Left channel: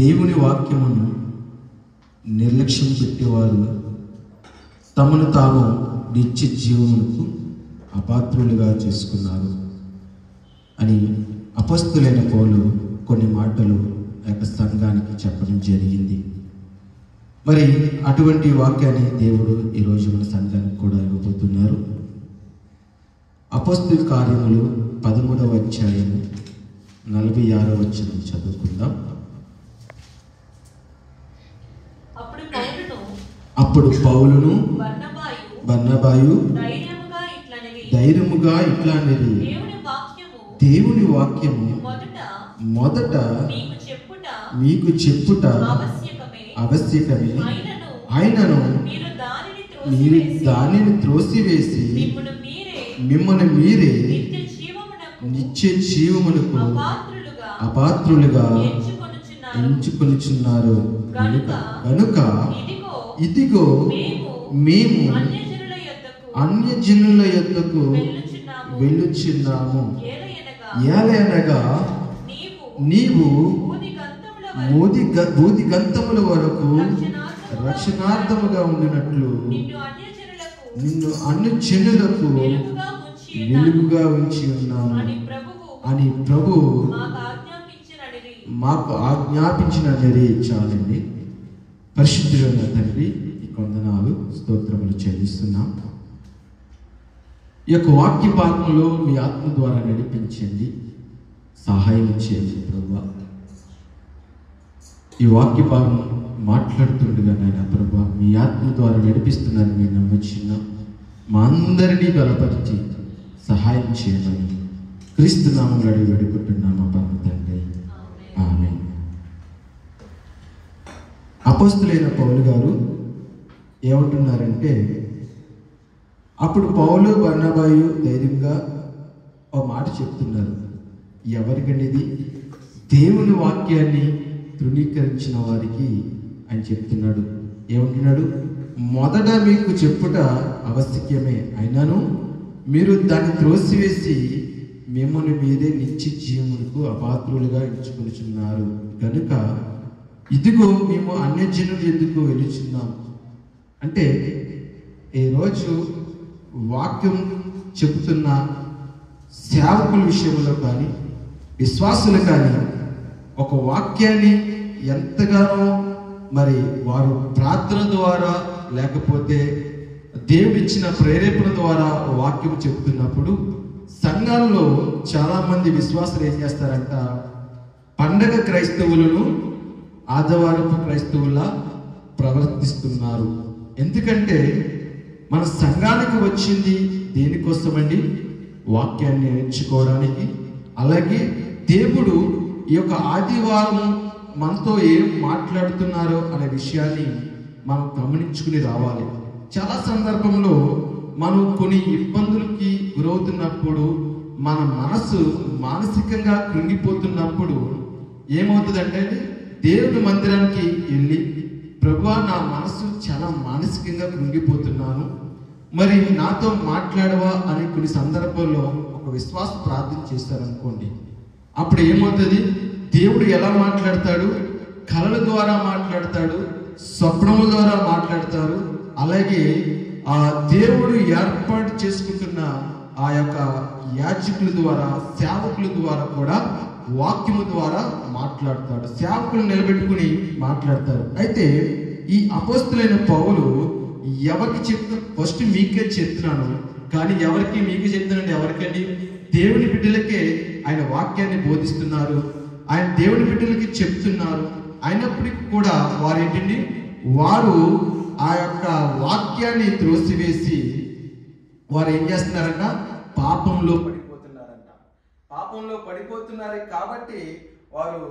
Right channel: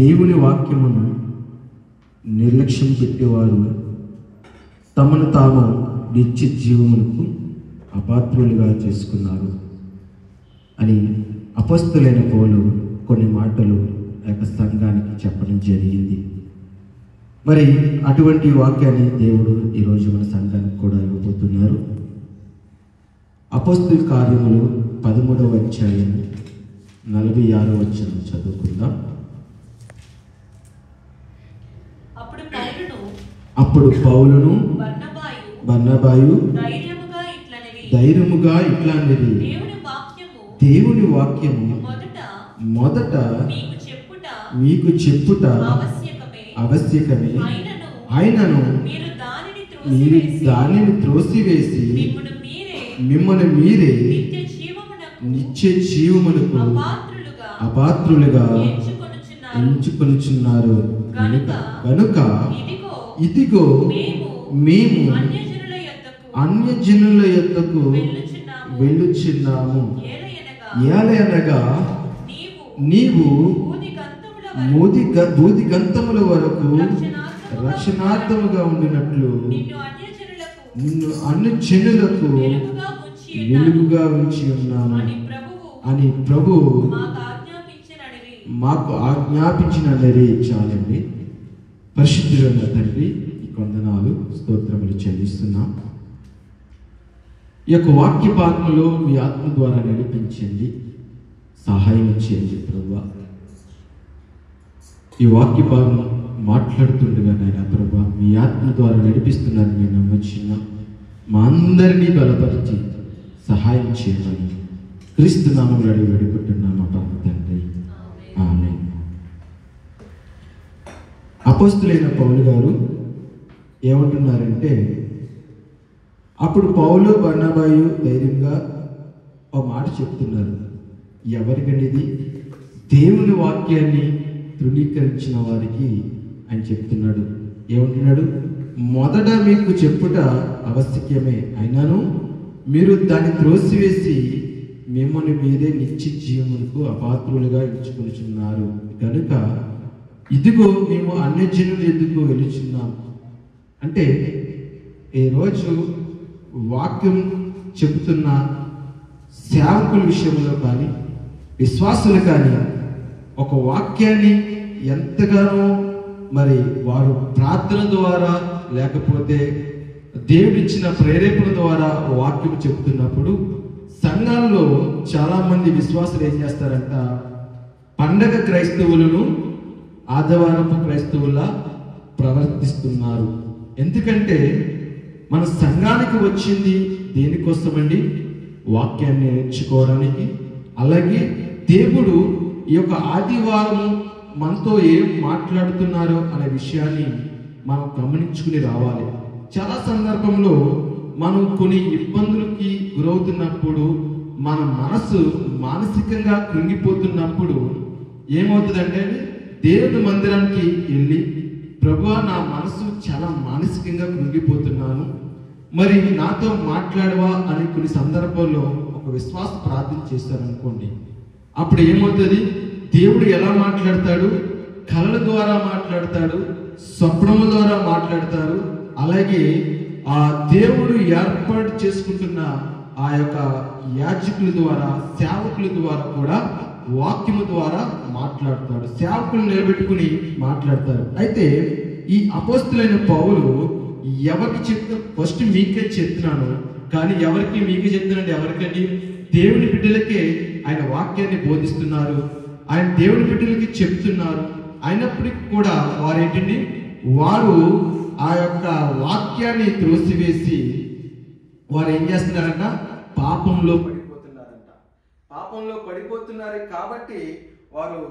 దేవుని వాక్యమును నిర్లక్ష్యం పెట్టేవారు తమను తాము నిత్య జీవమునకు అపాత్రులుగా చేసుకున్నారు అని అపొస్తలుడైన పౌలు కొన్ని మాటలు ఆ యొక్క సంఘానికి చెప్పడం జరిగింది. మరి అటువంటి వాక్యాన్ని దేవుడు ఈరోజు మన సంఘానికి కూడా ఇవ్వబోతున్నారు. అపొస్తలుల కార్యములు 13వ అధ్యాయం 46వ వచనం చదువుకుందాం. అప్పుడు పౌలును బర్నబాయు ధైర్యముగా ఇట్లా అనేది, దేవుని వాక్యము మొదట మీకు చెప్పుట ఆవశ్యకమే, అయినను మీరు దానిని త్రోసివేసి మిమ్మల్ని మీరే నిత్య జీవమునకు అపాత్రులుగా ఎంచుకొనుచున్నారు. కనుక ఇదిగో మేము అన్యజనుల యొద్దకు వెళ్ళుచున్నాము. ఏలయనగా నీవు బూది గంతముల వరకు రక్షణార్థముగా ఉండినట్లు నిన్ను అన్ని జనులకు వెలుగుగా ఉంచి ఉన్నాను అని ప్రభు మాకు ఆజ్ఞాపించినది. చాలండి. పరిశుద్ధుడైన తండ్రి, నీకు వందనాలు, స్తోత్రములు చెల్లిస్తున్నాం. ఈ యొక్క వాక్య భాగంలో మీ ఆత్మ ద్వారా నడిపించండి, సహాయం చేయండి ప్రభువా. ఈ వాక్య భాగం మాట్లాడుతుండగా నాయన ప్రభువా, మీ ఆత్మ ద్వారా నడిపిస్తున్నారని మేము నమ్మొచ్చున్నాం. మా అందరినీ బలపరిచి సహాయం చేయమని క్రీస్తు నామములో అడిగి వేడుకుంటున్నాం మా పరమ తండ్రి, ఆమేన్. అపొస్తలుడైన పౌలు గారు ఏమంటున్నారంటే, అప్పుడు పౌలు బర్నబాయు ధైర్యంగా ఒక మాట చెప్తున్నారు. ఎవరికనేది? దేవుని వాక్యాన్ని తృణీకరించిన వారికి ఆయన చెప్తున్నాడు. ఏమంటున్నాడు? మొదట మీకు చెప్పుట ఆవశ్యకమే, అయినను మీరు దాన్ని త్రోసివేసి మిమ్మల్ని మీరే నిత్య జీవమునకు అపాత్రులుగా ఎంచుకొనుచున్నారు. కనుక ఇదిగో మేము అన్యజనులు ఎందుకు వెలుచున్నాం అంటే, ఈరోజు వాక్యం చెబుతున్న సేవకుల విషయంలో కానీ విశ్వాసులు కానీ ఒక వాక్యాన్ని ఎంతగానో మరి వారు ప్రార్థన ద్వారా లేకపోతే దేవుడిచ్చిన ప్రేరేపణ ద్వారా వాక్యం చెబుతున్నప్పుడు సంఘాల్లో చాలా మంది విశ్వాసులు ఏం చేస్తారంట, పండగ క్రైస్తవులను ఆదివారపు క్రైస్తవుల్లా ప్రవర్తిస్తున్నారు. ఎందుకంటే మన సంఘానికి వచ్చింది దేనికోసమండి? వాక్యాన్ని నేర్చుకోవడానికి. అలాగే దేవుడు ఈ యొక్క ఆదివారం మనతో ఏం మాట్లాడుతున్నారో అనే విషయాన్ని మనం గమనించుకుని రావాలి. చాలా సందర్భంలో మనం కొన్ని ఇబ్బందులకి గురవుతున్నప్పుడు, మన మనసు మానసికంగా కృంగిపోతున్నప్పుడు ఏమవుతుందంటే, దేవుని మందిరానికి వెళ్ళి ప్రభువా, నా మనసు చాలా మానసికంగా కృంగిపోతున్నాను, మరి నాతో మాట్లాడవా అని కొన్ని సందర్భాల్లో ఒక విశ్వాస ప్రార్థన చేశారనుకోండి. అప్పుడు ఏమవుతుంది? దేవుడు ఎలా మాట్లాడతాడు? కళల ద్వారా మాట్లాడతాడు, స్వప్నముల ద్వారా మాట్లాడతారు. అలాగే ఆ దేవుడు ఏర్పాటు చేసుకుంటున్న ఆ యొక్క యాజకుల ద్వారా, సేవకుల ద్వారా కూడా వాక్యము ద్వారా మాట్లాడతాడు. సేవకులు నిలబెట్టుకుని మాట్లాడతారు. అయితే ఈ అపొస్తలుడైన పౌలు ఎవరికి చెప్తా, ఫస్ట్ మీకే చెప్తున్నాను, కానీ ఎవరికి మీకు చెప్తున్నాడు? ఎవరికండి? దేవుని బిడ్డలకే ఆయన వాక్యాన్ని బోధిస్తున్నారు, ఆయన దేవుని బిడ్డలకి చెప్తున్నారు. అయినప్పటికీ కూడా వారు ఏంటండి, వారు ఆ యొక్క వాక్యాన్ని త్రోసివేసి వారు ఏం చేస్తున్నారంట? పాపంలో పడిపోతున్నారంట. పాపంలో పడిపోతున్నారు కాబట్టి వారు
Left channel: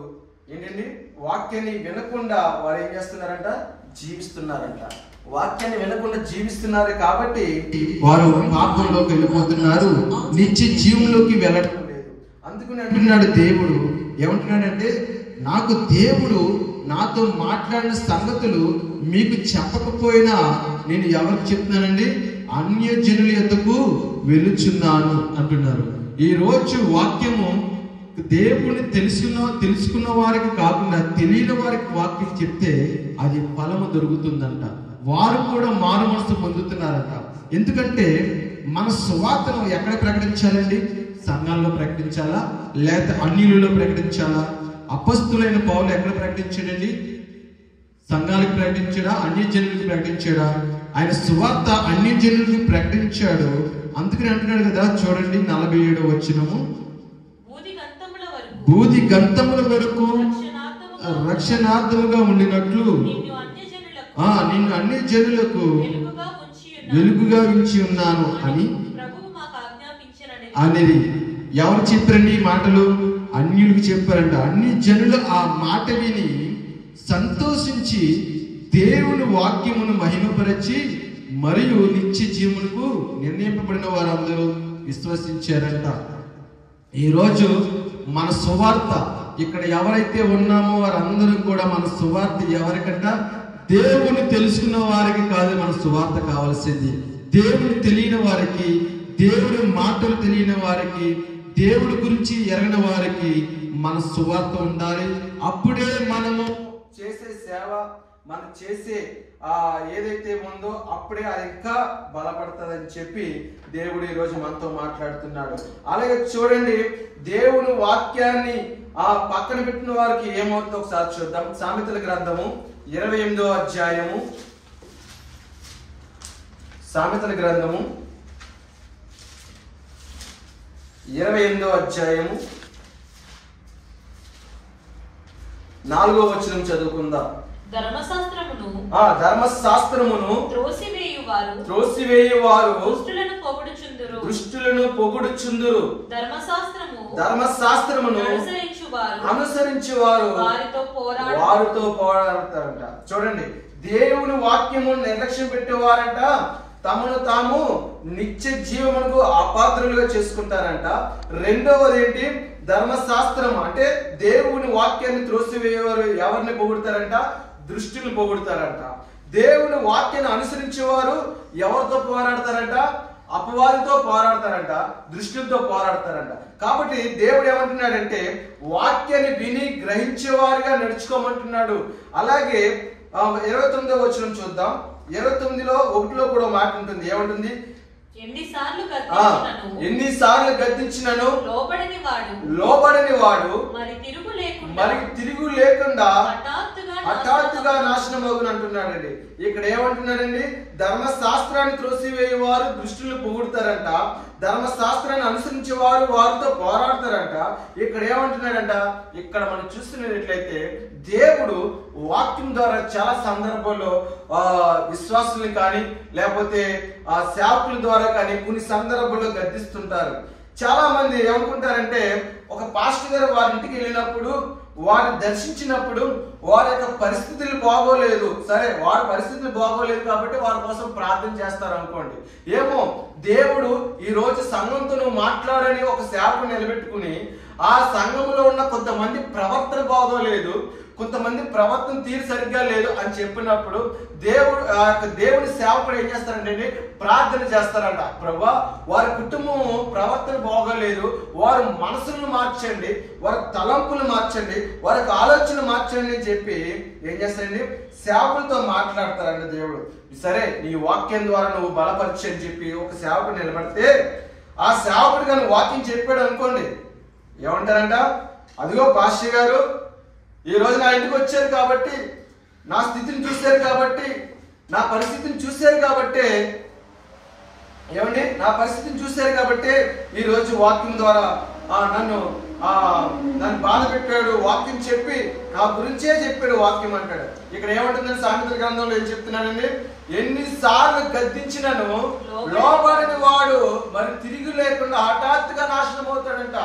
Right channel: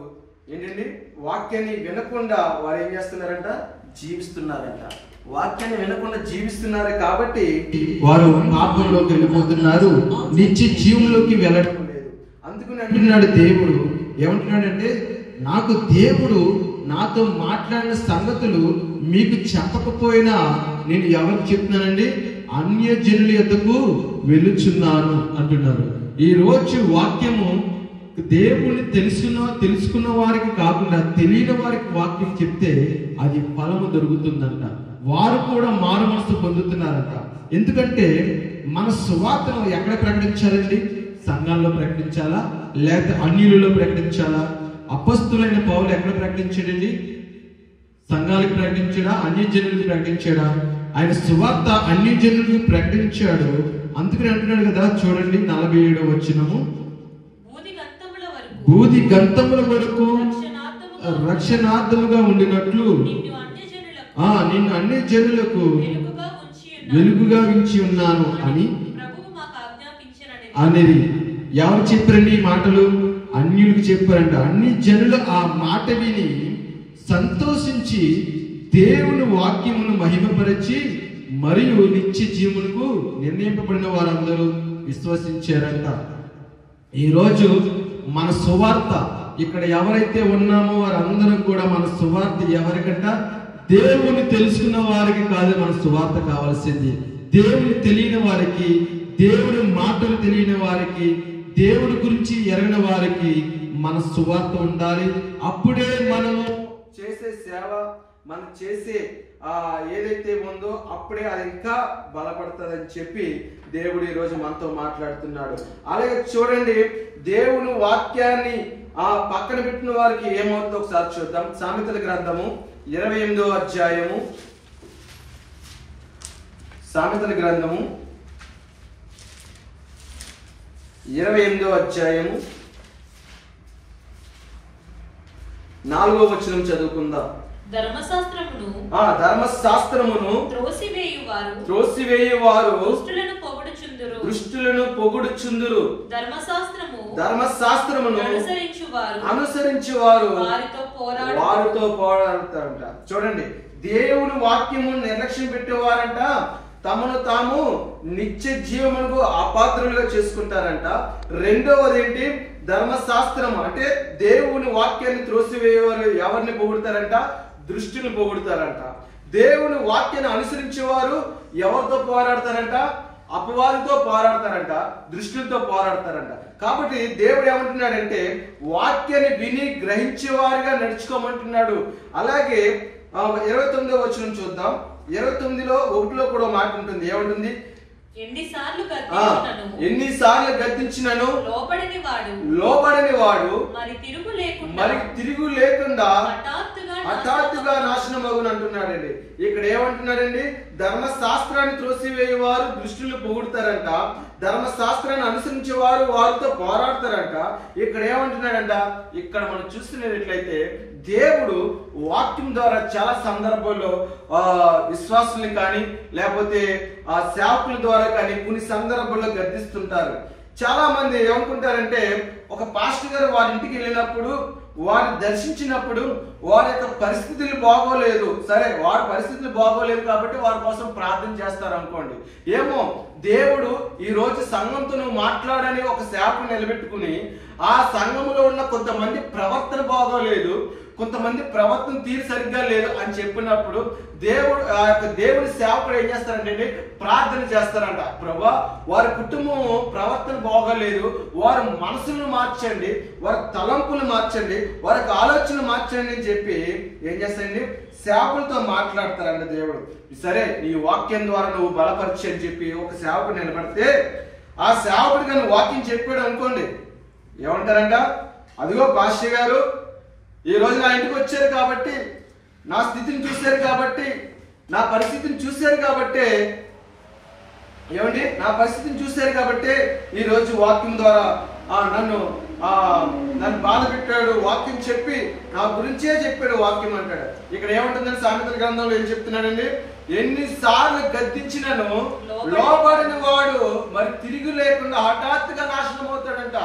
ఏంటండి, వాక్యాన్ని వినకుండా వారు ఏం చేస్తున్నారంట? జీవిస్తున్నారంట. వాక్యాన్ని వినకుండా జీవిస్తున్నారు కాబట్టి వారు పాపంలోకి వెళ్ళిపోతున్నారు, నిత్య జీవంలోకి వెళ్ళడం లేదు. అందుకని అంటున్నాడు దేవుడు, ఏమంటున్నాడంటే, నాకు దేవుడు నాతో మాట్లాడిన సంగతులు మీకు చెప్పకపోయినా నేను ఎవరికి చెప్తున్నానండి? అన్యజనుల యొద్దకు వెళ్ళుచున్నాను అంటున్నారు. ఈ రోజు వాక్యము దేవుణ్ణి తెలుసుకున్న వారికి కాకుండా తెలియని వారికి వాక్యం చెప్తే అది ఫలము దొరుకుతుందంట. వారు కూడా మారు మనసు పొందుతున్నారంట. ఎందుకంటే మన సువార్తను ఎక్కడ ప్రకటించాలండి? సంఘాల్లో ప్రకటించాలా, లేకపోతే అన్యులలో ప్రకటించాలా? అపొస్తలుడైన పౌలు ఎక్కడ ప్రకటించాడండి? సంఘాలకు ప్రకటించాడా, అన్యజనులకు ప్రకటించాడా? ఆయన సువార్త అన్యజనులకు ప్రకటించాడు. అందుకని అంటున్నాడు కదా, చూడండి 47వ వచనము, బూది గంతముల వరకు రక్షణార్థముగా ఉండినట్లు నిన్ను అన్ని జనులకు వెలుగుగా ఉంచి ఉన్నాను అని అనేది ఎవరు చెప్పారండి ఈ మాటలు? అన్యులకు చెప్పారంట. అన్ని జనులు ఆ మాట విని సంతోషించి దేవుని వాక్యమును మహిమపరచి మరియు నిత్య జీవులకు నిర్ణయింపబడిన వారందరూ విశ్వసించారంట. ఈరోజు మన సువార్త ఇక్కడ ఎవరైతే ఉన్నామో వారందరూ కూడా మన సువార్త ఎవరికంట? దేవుని తెలుసుకున్న వారికి కాదు మన సువార్త కావాల్సింది. దేవుని తెలియని వారికి, దేవుడి మాటలు తెలియని వారికి, దేవుడి గురించి ఎరగని వారికి మన సువార్త ఉండాలి. అప్పుడే మనము చేసే సేవ, మనం చేసే ఏదైతే ఉందో అప్పుడే అది ఇంకా బలపడుతుందని చెప్పి దేవుడు ఈరోజు మనతో మాట్లాడుతున్నాడు. అలాగే చూడండి, దేవుని వాక్యాన్ని పక్కన పెట్టిన వారికి ఏమవుతుందో ఒకసారి చూద్దాం. సామెతల గ్రంథము 28వ అధ్యాయము, సామెతల గ్రంథము 28వ అధ్యాయము 4వ వచనం చదువుకుందాం. ధర్మశాస్త్రమును త్రోసివేయువారు దుష్టులను పొగుడుచుందురు, ధర్మశాస్త్రమును అనుసరించువారు వారితో పోరాడతారంట. చూడండి, దేవుని వాక్యము నిర్లక్ష్యం పెట్టేవారంట తమను తాము నిత్య జీవమునకు అపాత్రులుగా చేసుకుంటారంట. రెండవది ఏంటి? ధర్మశాస్త్రం అంటే దేవుని వాక్యాన్ని త్రోసివేయేవారు ఎవరిని పొగుడతారంట? దృష్టిని పొగుడతారంట. దేవుని వాక్యాన్ని అనుసరించేవారు ఎవరితో పోరాడతారంట? అపవాదితో పోరాడతారంట, దృష్టితో పోరాడతారంట. కాబట్టి దేవుడు ఏమంటున్నాడంటే వాక్యాన్ని విని గ్రహించేవారుగా నడుచుకోమంటున్నాడు. అలాగే 29వ వచనం చూద్దాం. 29లో 1లో కూడా మాట ఉంటుంది. ఏమంటుంది? ఎన్నిసార్లు గద్దించినను లోబడని వాడు మరి తిరుగు లేకుండా హఠాత్తుగా నాశనం అవును అంటున్నాడండి. ఇక్కడ ఏమంటున్నాడండి? ధర్మశాస్త్రాన్ని త్రోసివేయేవారు దృష్టిని పొగుడతారంట, ధర్మశాస్త్రాన్ని అనుసరించే వారు వారితో పోరాడతారంట. ఇక్కడ ఏమంటున్నాడంట? ఇక్కడ మనం చూస్తున్నట్లయితే దేవుడు వాక్యం ద్వారా చాలా సందర్భాల్లో విశ్వాసుల్ని కానీ లేకపోతే సేవకుల ద్వారా కానీ కొన్ని సందర్భాల్లో గద్దిస్తుంటారు. చాలా మంది ఏమనుకుంటారంటే ఒక పాస్టర్ గారు వారి ఇంటికి వెళ్ళినప్పుడు, వారిని దర్శించినప్పుడు వారి యొక్క పరిస్థితులు బాగోలేదు, సరే వారి పరిస్థితులు బాగోలేదు కాబట్టి వారి కోసం ప్రార్థన చేస్తారు అనుకోండి. ఏమో దేవుడు ఈ రోజు సంఘంతో నువ్వు మాట్లాడని ఒక సేవకు నిలబెట్టుకుని ఆ సంఘంలో ఉన్న కొంతమంది ప్రవర్తన బాగోలేదు, కొంతమంది ప్రవర్తన తీరు సరిగ్గా లేదు అని చెప్పినప్పుడు దేవుని సేవకుడు ఏం చేస్తారంటే ప్రార్థన చేస్తారంట. ప్రభా, వారి కుటుంబం ప్రవర్తన బాగోలేదు, వారి మనసును మార్చండి, వారి తలంపులు మార్చండి, వారికి ఆలోచనలు మార్చండి అని చెప్పి ఏం చేస్తారండి? సేవకులతో మాట్లాడతారంట దేవుడు. సరే నీ వాక్యం ద్వారా నువ్వు బలపరిచి అని చెప్పి ఒక సేవకుడు నిలబడితే ఆ సేవకుడు కానీ వాక్యం చెప్పాడు అనుకోండి, ఏమంటారంట? అదిగో పాస్టర్ గారు ఈ రోజు నా ఇంటికి వచ్చారు కాబట్టి, నా స్థితిని చూశారు కాబట్టి, నా పరిస్థితిని చూశారు కాబట్టి, ఏమండి నా పరిస్థితిని చూశారు కాబట్టి ఈ రోజు వాక్యం ద్వారా నన్ను బాధ పెట్టాడు, వాక్యం చెప్పి నా గురించే చెప్పాడు వాక్యం అంటాడు. ఇక్కడ ఏమంటుందని సామెతల గ్రంథంలో ఏం చెప్తున్నానండి? ఎన్నిసార్లు గద్దించినను లోబడిన వాడు మరి తిరిగి లేకుండా హఠాత్తుగా నాశనం అవుతాడంట.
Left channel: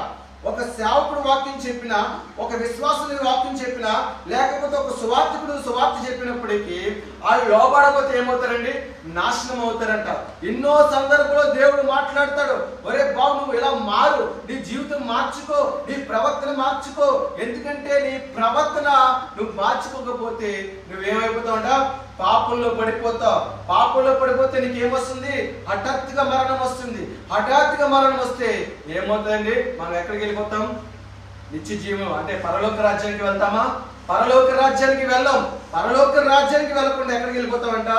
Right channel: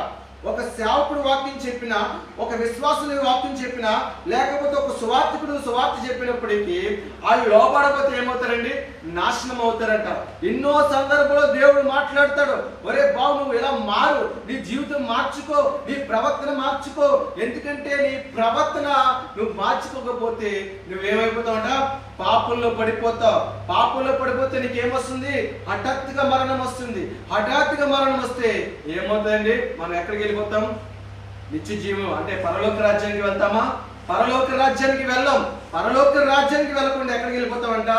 ఒక సేవకుడు వాక్యం చెప్పినా, ఒక విశ్వాసుని వాక్యం చెప్పినా, లేకపోతే ఒక సువార్తికుడు సువార్త చెప్పినప్పటికీ వాళ్ళు లోబడకపోతే ఏమవుతారండి? నాశనం అవుతారంట. ఎన్నో సందర్భంలో దేవుడు మాట్లాడతాడు, ఒరే బాబు నువ్వు ఇలా మారు, నీ జీవితం మార్చుకో, నీ ప్రవర్తన మార్చుకో, ఎందుకంటే నీ ప్రవర్తన నువ్వు మార్చుకోకపోతే నువ్వేమైపోతావంట? పాపంలో పడిపోతావు. పాపంలో పడిపోతే నీకేమొస్తుంది? హఠాత్తుగా మరణం వస్తుంది. హఠాత్తుగా మరణం వస్తే ఏమవుతుందండి? మనం ఎక్కడికి వెళ్ళిపోతాం? నిత్య జీవం అంటే పరలోక రాజ్యానికి వెళ్తామా? పరలోక రాజ్యానికి వెళ్ళాం. పరలోక రాజ్యానికి వెళ్ళకుండా ఎక్కడికి వెళ్ళిపోతామంట?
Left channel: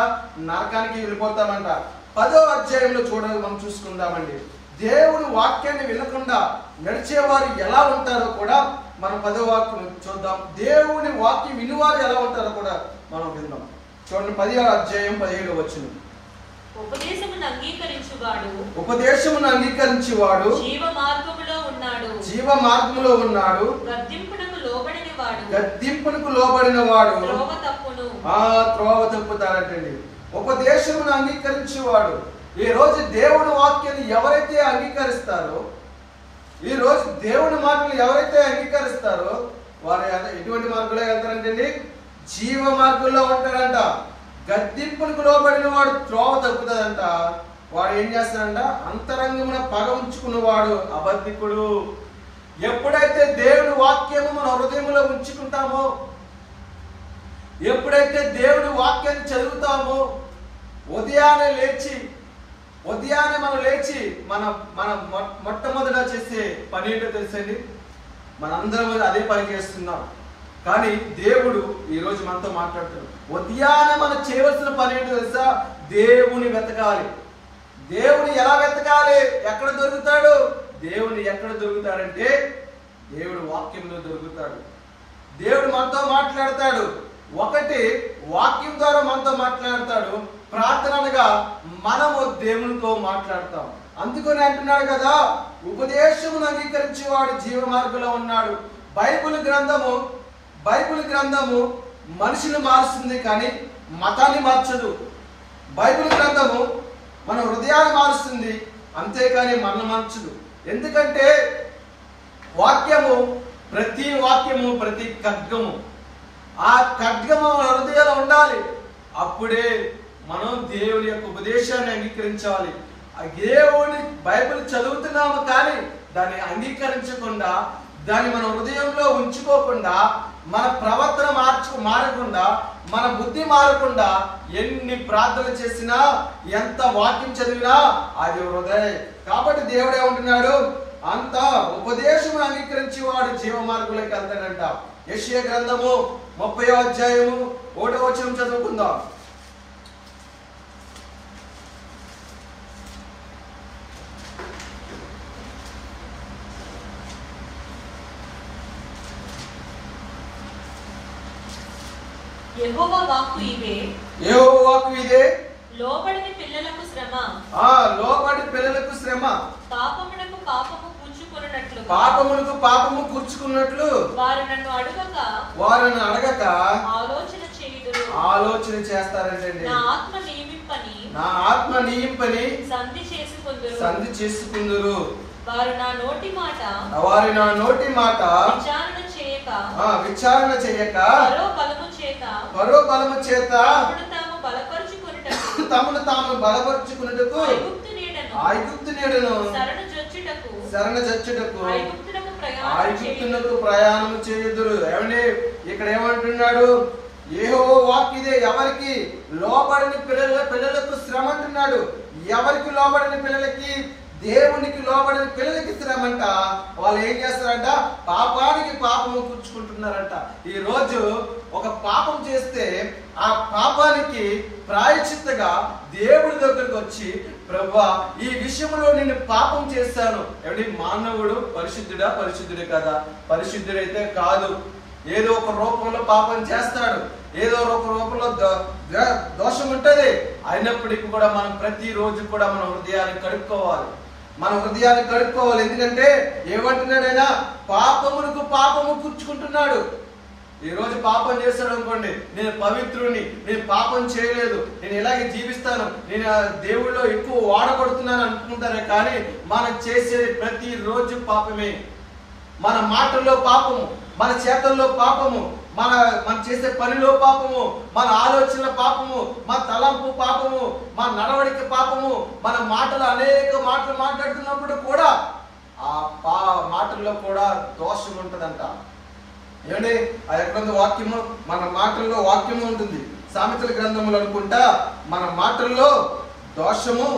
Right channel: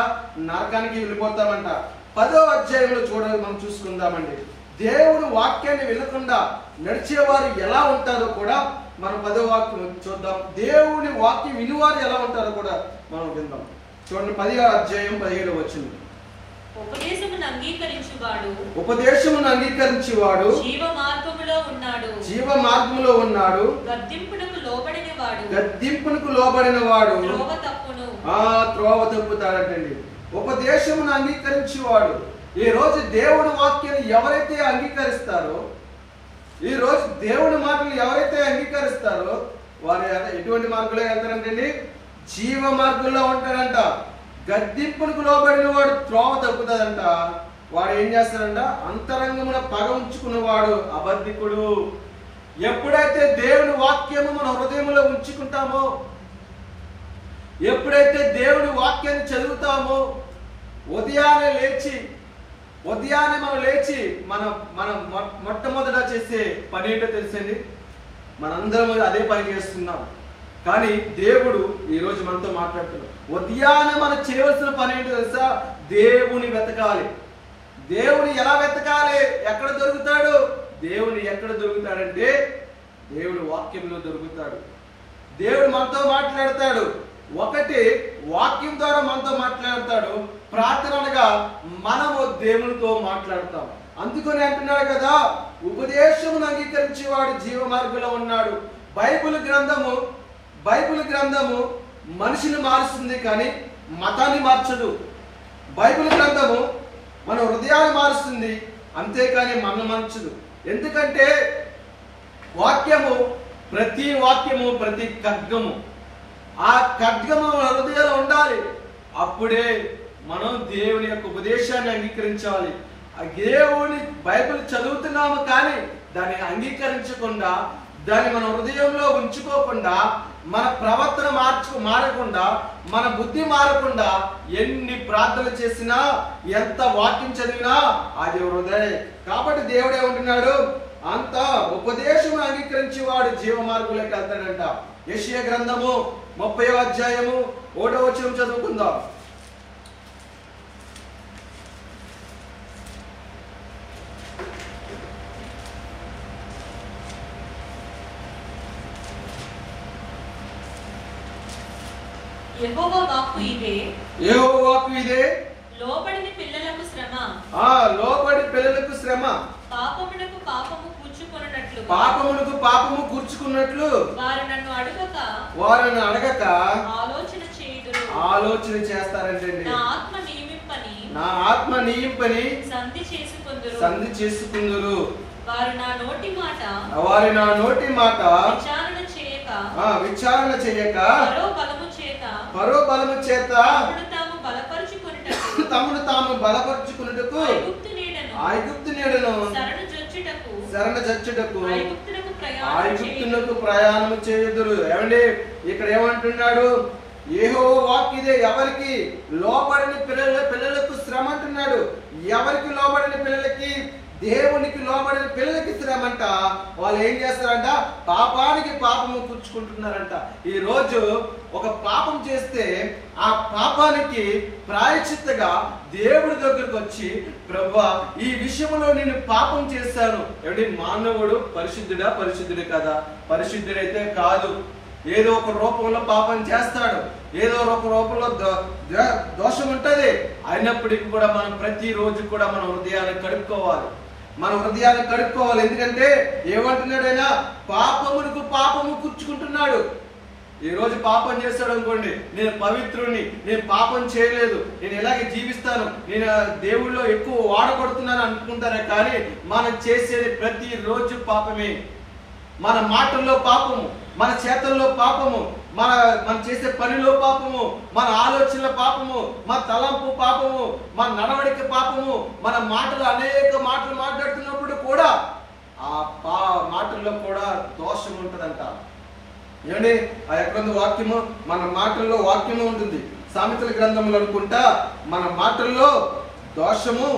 నరకానికి వెళ్ళిపోతామంట. 10వ అధ్యాయంలో చూడాలి, మనం చూసుకుందామండి. దేవుడు వాక్యాన్ని వినకుండా నడిచేవారు ఎలా ఉంటారో కూడా మనం 10వ వాక్యం చూద్దాం. దేవుని వాక్యం వినువారు ఎలా ఉంటారో కూడా మనం విందాం. చూడండి, 10వ అధ్యాయం 17వ వచనం. ఉపదేశమును అంగీకరించువాడు జీవ మార్గములో ఉన్నాడు. గద్దింపునకు లోబడిన వాడు త్రోవ తప్పుతాడంటండి. ఉపదేశమును అంగీకరించేవాడు. ఈ రోజు దేవుని వాక్యాన్ని ఎవరైతే అంగీకరిస్తారో, ఈ రోజు దేవుని మాటలు ఎవరైతే అంగీకరిస్తారో వారు ఎటువంటి మార్గంలో వెళ్తారంటండి? జీవ మార్గంలో ఉంటారంట. గద్దింపునకు లోబడిన వాడు త్రోవ తప్పుతుందంట. వాడు ఏం చేస్తాడంట? అంతరంగమున పగ ఉంచుకున్నవాడు అబద్ధికుడు. ఎప్పుడైతే దేవుని వాక్యము మన హృదయంలో ఉంచుకుంటామో, ఎప్పుడైతే దేవుని వాక్యాన్ని చదువుతామో, ఉదయాన్నే మనం లేచి మన మొట్టమొదట చేసే పని ఏంటో తెలుసండి? మనందరం అదే పని చేస్తున్నాం. కానీ దేవుడు ఈరోజు మనతో మాట్లాడుతున్నాడు. ఉదయాన్నే మనం చేయవలసిన పని ఏంటో తెలుసా? దేవుని వెతకాలి. దేవుని ఎలా వెతకాలి? ఎక్కడ దొరుకుతాడు? దేవుని ఎక్కడ దొరుకుతాడంటే దేవుడు వాక్యంలో దొరుకుతాడు. దేవుడు మనతో మాట్లాడతాడు. ఒకటి వాక్యం ద్వారా మనతో మాట్లాడతాడు, ప్రార్థనగా మనము దేవునితో మాట్లాడతాం. అందుకని అంటున్నాడు కదా, ఉపదేశమును అంగీకరించేవాడు జీవ మార్గంలో ఉన్నాడు. బైబిల్ గ్రంథము మనిషిని మారుస్తుంది కానీ మతాన్ని మార్చదు. బైబిల్ గ్రంథము మన హృదయాన్ని మారుస్తుంది, అంతేకాని మనం మార్చదు. ఎందుకంటే ప్రతి వాక్యము ప్రతి ఖడ్గము, ఆ ఖడ్గము హృదయాలు ఉండాలి. అప్పుడే మనం దేవుని యొక్క ఉపదేశాన్ని అంగీకరించాలి. దేవుని బైబిల్ చదువుతున్నాము కానీ దాన్ని అంగీకరించకుండా, దాన్ని మన హృదయంలో ఉంచుకోకుండా, మన ప్రవర్తన మారకుండా, మన బుద్ధి మారకుండా ఎన్ని ప్రార్థనలు చేసినా, ఎంత వాక్యం చదివినా అది హృదయ. కాబట్టి దేవుడు ఏమంటున్నాడు? అంత ఉపదేశము అంగీకరించేవాడు జీవ మార్గంలోకి వెళ్తాడంట. యెషయా గ్రంథము 30వ అధ్యాయము 1వ వచనం చదువుకుందాం. యెహోవా వాక్కు ఇదే, లోబడిన పిల్లలకు శ్రమ, పాపమునకు పాపము కూర్చుకున్నట్లు వారిని అడగక ఆలోచన చేస్తారంటండి. నా ఆత్మ నియింపని సంధి చేసుకుందురు. వారి నా నోటి మాట విచారణ చేయక పరో బలము చేత తమను తాము బలపరుచుకున్నట్టుకు ఐగుప్తు నీడను శరణ చచ్చుటకు ఐగుప్తునకు ప్రయాణం చేయుదురు. ఏమండి, ఇక్కడ ఏమంటున్నాడు? యెహోవా వాక్కు ఇదే, ఎవరికి లోబడిన పిల్లలకు శ్రమ అంటున్నాడు. ఎవరికి లోబడిన పిల్లలకి? దేవునికి లోబడిన పిల్లలకి శ్రమ అంట. వాళ్ళు ఏం చేస్తారంట? పాపానికి పాపము కూర్చుకుంటున్నారంట. ఈ రోజు ఒక పాపం చేస్తే ఆ పాపానికి ప్రాయశ్చిత్తగా దేవుడి దగ్గరకు వచ్చి, ప్రభువా ఈ విషయంలో నేను పాపం చేశాను. ఏమిటి, మానవుడు పరిశుద్ధుడే కదా? పరిశుద్ధుడైతే కాదు. ఏదో ఒక రూపంలో పాపం చేస్తాడు, ఏదో ఒక రూపంలో దోషం ఉంటది. అయినప్పటికీ కూడా మనం ప్రతిరోజు కూడా మన హృదయాన్ని కడుక్కోవాలి. ఎందుకంటే ఏమంటున్నాడైనా? పాపమునకు పాపము కూర్చుకుంటున్నాడు. ఈ రోజు పాపం చేస్తాడు అనుకోండి, నేను పవిత్రుని, నేను పాపం చేయలేదు, నేను ఇలాగే జీవిస్తాను, నేను దేవుళ్ళో ఎక్కువ వాడబడుతున్నాను అనుకుంటారే కానీ మనం చేసేది ప్రతిరోజు పాపమే. మన మాటల్లో పాపము, మన చేతల్లో పాపము, మన చేసే పనిలో పాపము, మన ఆలోచనల పాపము, మన తలంపు పాపము, మన నడవడిక పాపము, మన మాటలు అనేక మాటలు మాట్లాడుతున్నప్పుడు కూడా ఆ మాటల్లో కూడా దోషం ఉంటదంట. ఏమండి, ఆ ఎక్కడుంది వాక్యము? మన మాటల్లో వాక్యము ఉంటుంది. సామెతల గ్రంథములు అనుకుంటా మన మాటల్లో దోషము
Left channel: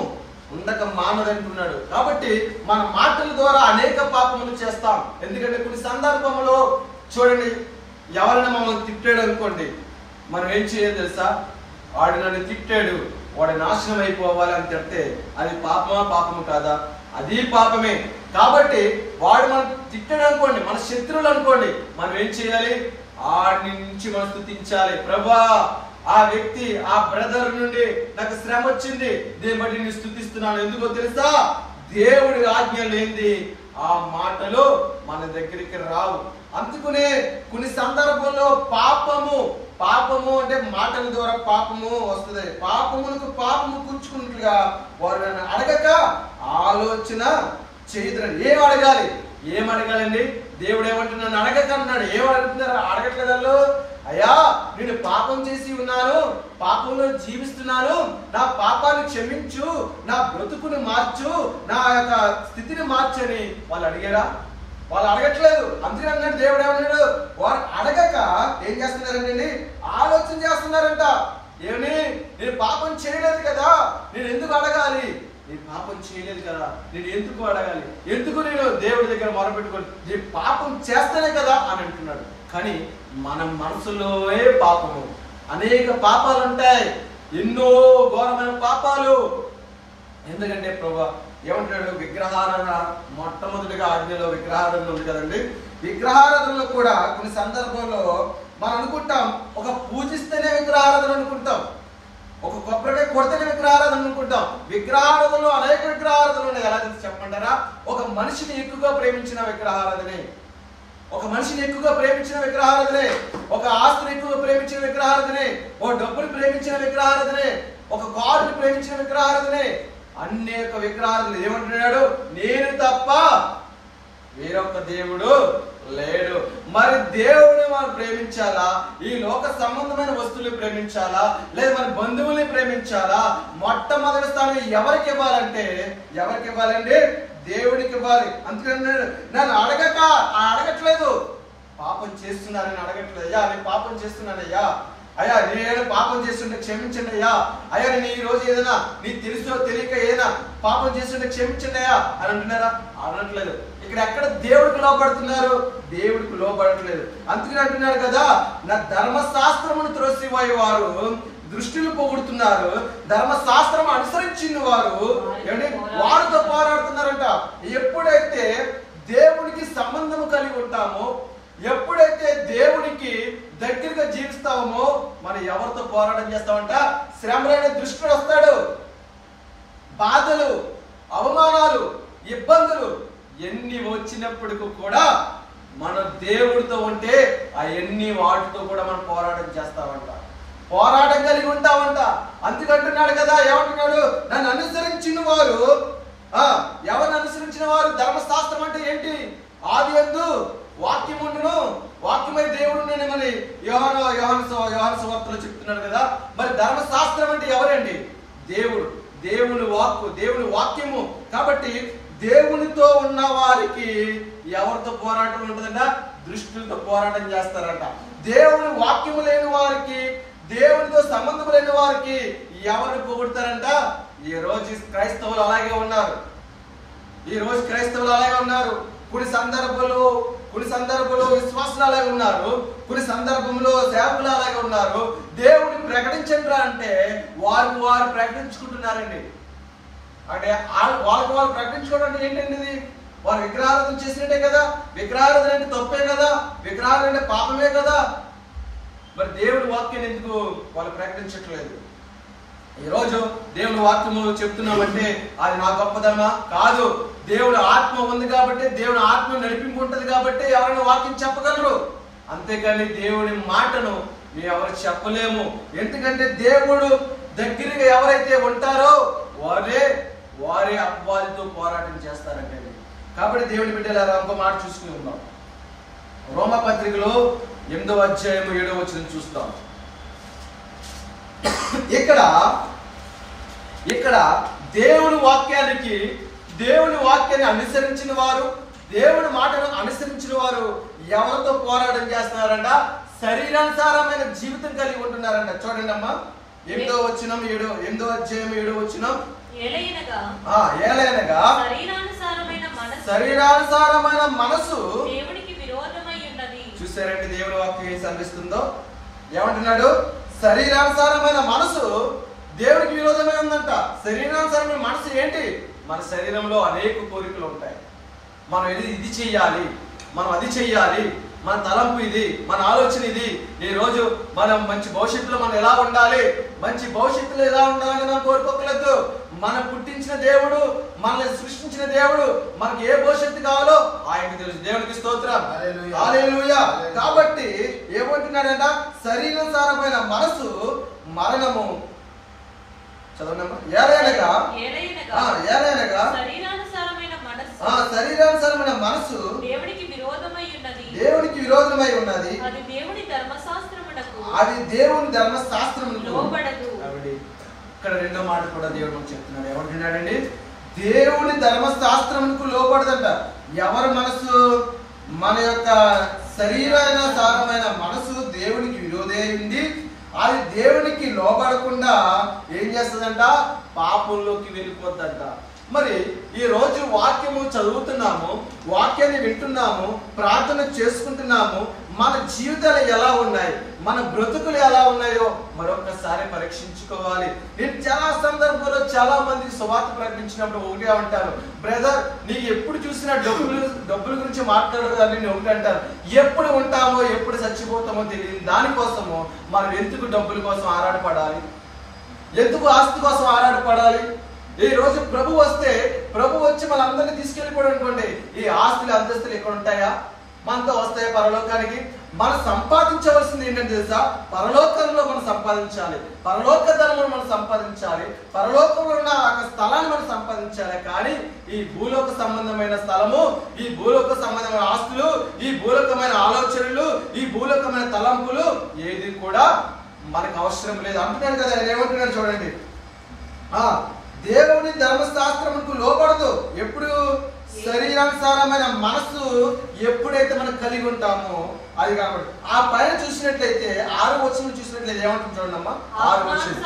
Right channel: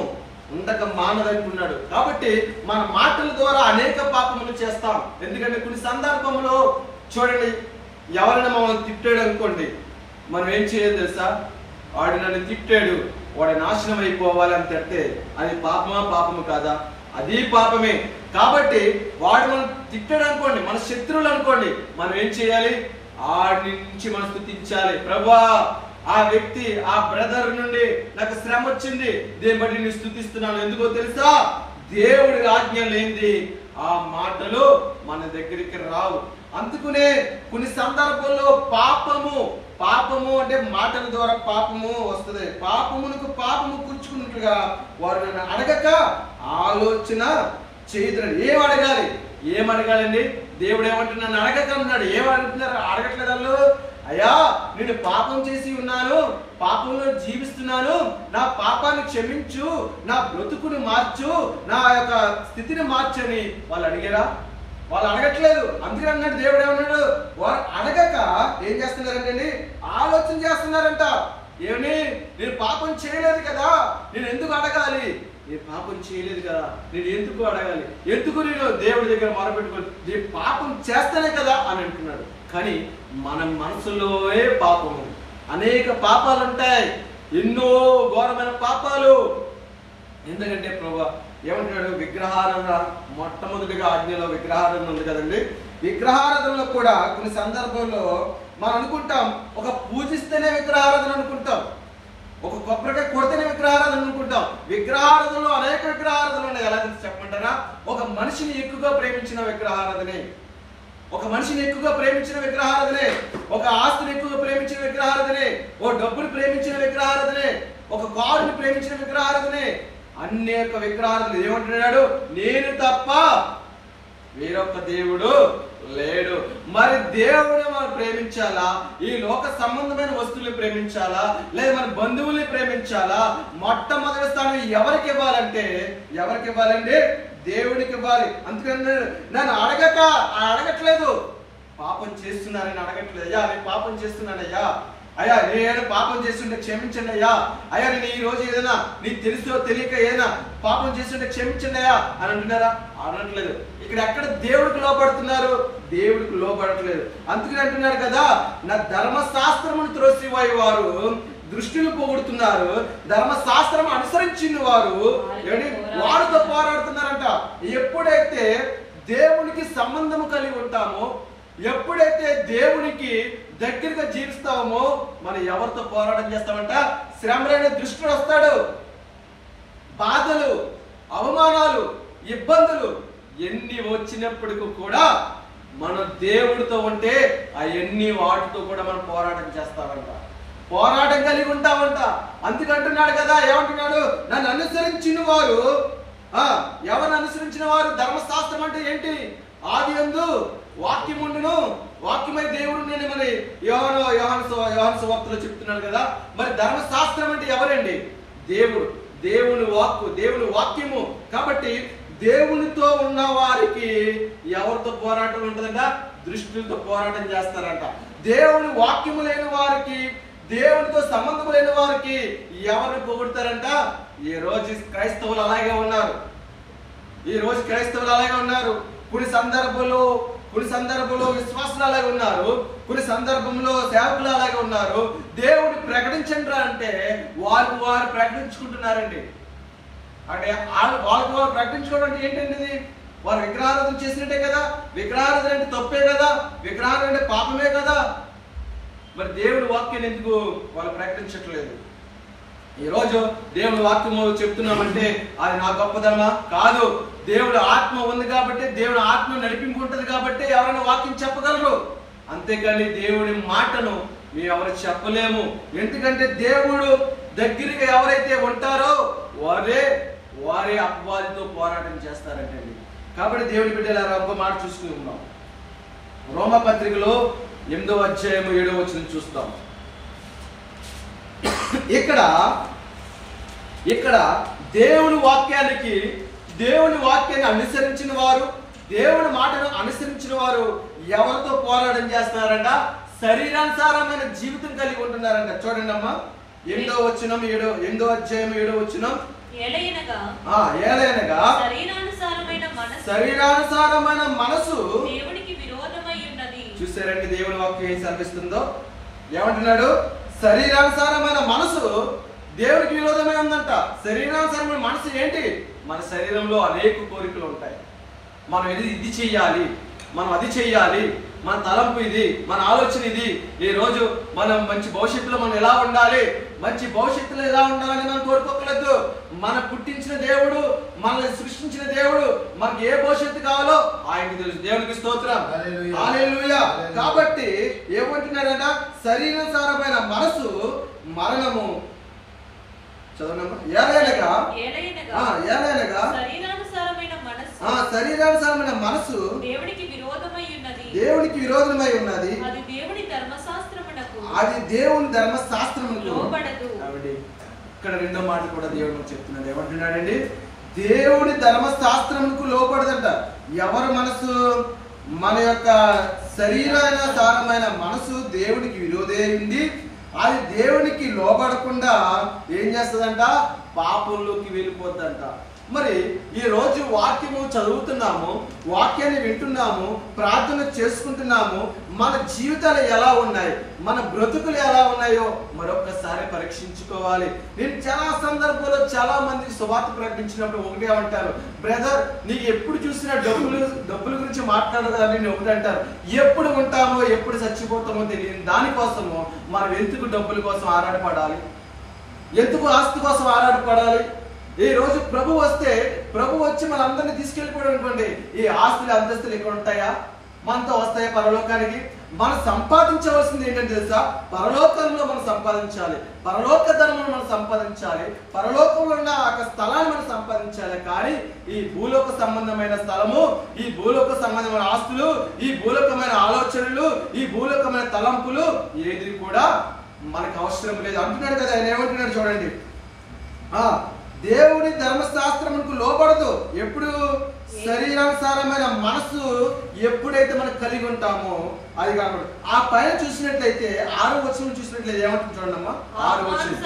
ఉండక మానదంటున్నాడు. కాబట్టి మన మాటల ద్వారా అనేక పాపములు చేస్తాం. ఎందుకంటే కొన్ని సందర్భంలో చూడండి, ఎవరైనా మమ్మల్ని తిట్టాడు అనుకోండి, మనం ఏం చేయాలి తెలుసా? వాడు నన్ను తిట్టాడు, వాడు నాశనం అయిపోవాలి అని తిట్టే అది పాపమా పాపము కాదా? అది పాపమే. కాబట్టి వాడు మనం తిట్టాడు అనుకోండి, మన శత్రువులు అనుకోండి, మనం ఏం చేయాలి? ఆడి నుంచి మనం స్తుతించాలి. ప్రభువా, ఆ వ్యక్తి, ఆ బ్రదర్ నుండి నాకు శ్రమ వచ్చింది, దీన్ని బట్టి నేను స్తుతిస్తున్నాను. ఎందుకో తెలుసా? దేవుడి ఆజ్ఞ లేనిది ఆ మాటలు మన దగ్గరికి రావు. అందుకునే కొన్ని సందర్భంలో పాపము అంటే మాటల ద్వారా పాపము వస్తుంది. పాపమునకు పాపము కూర్చుకున్నట్లుగా వారు నన్ను అడగక ఆలోచన చేయదురని. ఏం అడగాలండి? దేవుడు ఏమంటున్నా? నన్ను అడగక అన్నాడు. ఏమని అడుగుతున్నారు? అడగట్లేదు వాళ్ళు. అయ్యా, నేను పాపం చేసి ఉన్నాను, పాపంలో జీవిస్తున్నాను, నా పాపాన్ని క్షమించు, నా బ్రతుకుని మార్చు, నా యొక్క స్థితిని మార్చు అని వాళ్ళు అడిగారా? వాళ్ళు అడగట్లేదు. అందుకే అన్నాడు దేవుడు ఏమన్నాడు? వారు అడగక ఏం చేస్తున్నారంటే ఆలోచన చేస్తున్నారంట. ఏమని? నేను పాపం చేయలేదు కదా, నేను ఎందుకు అడగాలి? నేను పాపం చేయలేదు కదా, నేను ఎందుకు అడగాలి? ఎందుకు నేను దేవుడి దగ్గర మొరపెట్టుకోవాలి? నేను పాపం చేస్తానే కదా అని అంటున్నాడు. కానీ మన మనసులోనే పాపము, అనేక పాపాలు ఉంటాయి, ఎన్నో ఘోరమైన పాపాలు. ఎందుకంటే ప్రభువా ఏమంటున్నాడు? విగ్రహారాధన, మొట్టమొదటిగా ఆజ్ఞలో విగ్రహారాధన ఉంది కదండి. విగ్రహారాధనలో కూడా కొన్ని సందర్భంలో మనం అనుకుంటాం, ఒక పూజిస్తేనే విగ్రహారాధన అనుకుంటాం, ఒక కొబ్బరికాయ కొడితేనే విగ్రహారాధన అనుకుంటాం. విగ్రహారాధనలో అనేక విగ్రహారాధనలు ఉన్నాయి. ఎలా చెప్పమంటారా? ఒక మనిషిని ఎక్కువగా ప్రేమించిన విగ్రహారాధనే, ఒక మనిషిని ఎక్కువగా ప్రేమించిన విగ్రహారాధనే, ఒక ఆస్తిని ఎక్కువగా ప్రేమించిన విగ్రహారాధనే, ఓ డబ్బుని ప్రేమించిన విగ్రహారాధనే, ఒక కారుని ప్రేమించిన విగ్రహారాధనే, అనేక విగ్రహారాధనలు. ఏమంటున్నాడు? నేను తప్ప వేరొక దేవుడు లేడు. మరి దేవుని మనం ప్రేమించాలా? ఈ లోక సంబంధమైన వస్తువులు ప్రేమించాలా? లేదా మన బంధువుల్ని ప్రేమించాలా? మొట్టమొదటి స్థానం ఎవరికి ఇవ్వాలంటే, దేవుడికి ఇవ్వాలి. అందుకని నన్ను అడగట్లేదు, పాపం చేస్తున్నానని అడగట్లేదు. అయ్యా, నేను పాపం చేస్తున్నానయ్యా, అయ్యా నేను పాపం చేస్తుంటే క్షమించండి అయ్యా, అయ్యా నేను ఈ రోజు ఏదైనా నీకు తెలుసో తెలియక ఏదైనా పాపం చేస్తుంటే క్షమించండి అయ్యా అని అంటున్నారా? అనట్లేదు. ఇక్కడ ఎక్కడ దేవుడికి లోపడుతున్నారు? దేవుడికి లోపడట్లేదు. అందుకని అంటున్నారు కదా, నా ధర్మశాస్త్రమును త్రోసివాయి వారు దృష్టిని పొగుడుతున్నారు, ధర్మశాస్త్రం అనుసరించిన వారు వారితో పోరాడుతున్నారంట. ఎప్పుడైతే దేవునికి సంబంధం కలిగి ఉంటామో, ఎప్పుడైతే దేవునికి దగ్గరగా జీవిస్తామో, మనం ఎవరితో పోరాటం చేస్తామంట? శ్రమలైన దృష్టిలో వస్తాడు, బాధలు, అవమానాలు, ఇబ్బందులు ఎన్ని వచ్చినప్పటికీ కూడా మనం దేవుడితో ఉంటే ఆ ఎన్ని వాటితో కూడా మనం పోరాటం చేస్తామంట, పోరాటం కలిగి ఉంటామంట. అందుకంటున్నాడు కదా, ఏమంటున్నాడు? నన్ను అనుసరించిన వారు, ఎవరిని అనుసరించిన వారు? ధర్మశాస్త్రం అంటే ఏంటి? ఆది యందు వాక్యం ఉండును, వాక్యమై దేవుడు నేను మరి యోహాను సువార్తలో చెప్తున్నాడు కదా. మరి ధర్మశాస్త్రం అంటే ఎవరండి? దేవుడు, దేవుని వాక్కు, దేవుని వాక్యము. కాబట్టి దేవునితో ఉన్న వారికి ఎవరితో పోరాటం ఉంటుందంట? దృష్టితో పోరాటం చేస్తారంట. దేవుని వాక్యము లేని వారికి, దేవునితో సంబంధం లేని వారికి ఎవరు పొగుడతారంట? ఈ రోజు క్రైస్తవులు అలాగే ఉన్నారు. కొన్ని సందర్భంలో విశ్వాసులు అలాగే ఉన్నారు, కొన్ని సందర్భంలో సేవకులు అలాగే ఉన్నారు. దేవుడు ప్రకటించండి అంటే వారు ప్రకటించుకుంటున్నారండి. అంటే వారు ప్రకటించుకోవడం అంటే ఏంటండి? వారు విగ్రహారాధన చేసినట్టే కదా. విగ్రహారాధన అంటే తప్పే కదా, విగ్రహారాధన అంటే పాపమే కదా. మరి దేవుడి వాక్యాన్ని ఎందుకు వాళ్ళు ప్రకటించట్లేదు? ఈరోజు దేవుని వాక్యము చెప్తున్నామంటే అది నా గొప్పదనమా? కాదు. దేవుడు ఆత్మ ఉంది కాబట్టి, దేవుని ఆత్మ నడిపింపు ఉంటుంది కాబట్టి ఎవరైనా వాక్యం చెప్పగలరు. అంతేకాని దేవుడి మాటను మేము ఎవరు చెప్పలేము. ఎందుకంటే దేవుడు దగ్గరగా ఎవరైతే ఉంటారో వారే అపవాదితో పోరాటం చేస్తారంటే. కాబట్టి దేవుని బిడ్డలారా ఒక మాట చూసుకుని ఉన్నాం. రోమపత్రికలో 8వ అధ్యాయము 7వ వచనం చూస్తాం. ఇక్కడ దేవుని వాక్యాన్ని అనుసరించిన వారు, దేవుని మాటను అనుసరించిన వారు ఎవరితో పోరాటం చేస్తున్నారంట? శరీరానుసారమైన జీవితం కలిగి ఉంటున్నారంట. చూడండి అమ్మా, 8వ అధ్యాయం 7వ వచనం. ఏలైనగా శరీరానుసారమైన మనసు చూసారండి దేవుని వాక్యం ఏం సెలవిస్తుందో. ఏమంటున్నాడు? శరీరానుసారమైన మనసు దేవునికి విరోధమై ఉందంట. శరీరానుసారమైన మనసు ఏంటి? మన శరీరంలో అనేక కోరికలు ఉంటాయి. మనం ఇది చెయ్యాలి, మనం అది చెయ్యాలి, మన తలంపు ఇది, మన ఆలోచన ఇది. ఈ రోజు మనం మంచి భవిష్యత్తులో మనం ఎలా ఉండాలి, మంచి భవిష్యత్తులో ఎలా ఉండాలని మనం కోరుకోకలేదు. మనం పుట్టించిన దేవుడు, మనల్ని సృష్టించిన దేవుడు మనకి ఏ భవిష్యత్తు కావాలో ఆయనకి తెలుసు. దేవునికి స్తోత్రం, హల్లెలూయా. కాబట్టి ఏమంటున్నాడంట? శరీరానుసారమైన మనసు మరణము. చదవనమ్మా. ఏలైనగా శరీరానుసారమైన మనసు దేవునికి విరోధమై ఉన్నది, అది దేవుని ధర్మశాస్త్రమునకు. ఇక్కడ రెండో మాట కూడా దేవుడు చెప్తున్నాడు. ఏమంటున్నాడండి? దేవుని ధర్మశాస్త్రమునకు లోపడదంట. ఎవరి మనసు? మన యొక్క శరీరానుసారమైన మనసు దేవునికి విరోధే ఉంది. అది దేవునికి లోబడకుండా ఏం చేస్తుందంట? పాపంలోకి వెళ్ళిపోద్దంట. మరి ఈ రోజు వాక్యము చదువుతున్నాము, వాక్యాన్ని వింటున్నాము, ప్రార్థన చేసుకుంటున్నాము. మన జీవితాలు ఎలా ఉన్నాయి, మన బ్రతుకులు ఎలా ఉన్నాయో మరొకసారి పరీక్షించుకోవాలి. నేను చాలా సందర్భాల్లో చాలా మందికి సువార్త ప్రకటించినప్పుడు ఒకటే అంటారు, బ్రదర్ నీకు ఎప్పుడు చూసినా డబ్బుల గురించి మాట్లాడదని నేను ఒకటి అంటారు. ఎప్పుడు ఉంటామో ఎప్పుడు చచ్చిపోతామో తెలియదు. దానికోసము మనం ఎందుకు డబ్బుల కోసం ఆరాటపడాలి, ఎందుకు ఆస్తి కోసం ఆరాటపడాలి? ఈ రోజు ప్రభు వస్తే, ప్రభు వచ్చి మనందరినీ తీసుకెళ్ళిపోయాడు అనుకోండి, ఈ ఆస్తులు అంతస్తులు ఇక్కడ ఉంటాయా? మనతో వస్తాయి పరలోకానికి. మనం సంపాదించవలసింది ఏంటంటే తెలుసా? పరలోకంలో మనం సంపాదించాలి, పరలోక ధర్మం మనం సంపాదించాలి, పరలోకంలో ఉన్న ఒక స్థలాన్ని మనం సంపాదించాలి. కానీ ఈ భూలోక సంబంధమైన స్థలము, ఈ భూలోక సంబంధమైన ఆస్తులు, ఈ భూలోకమైన ఆలోచనలు, ఈ భూలోకమైన తలంపులు ఏది కూడా మనకు అవసరం లేదు అంటున్నాడు కదా. ఆయన ఏమంటున్నాడు చూడండి, దేవుని ధర్మశాస్త్రమునకు లోబడదు. ఎప్పుడు? శరీరానుసారమైన మనసు ఎప్పుడైతే మనం కలిగి ఉంటామో అది కనబడదు. ఆ పైన చూసినట్లయితే 6వ వచనం చూసినట్లయితే ఏమంటుంది చూడమ్మా. 6వ వచనం,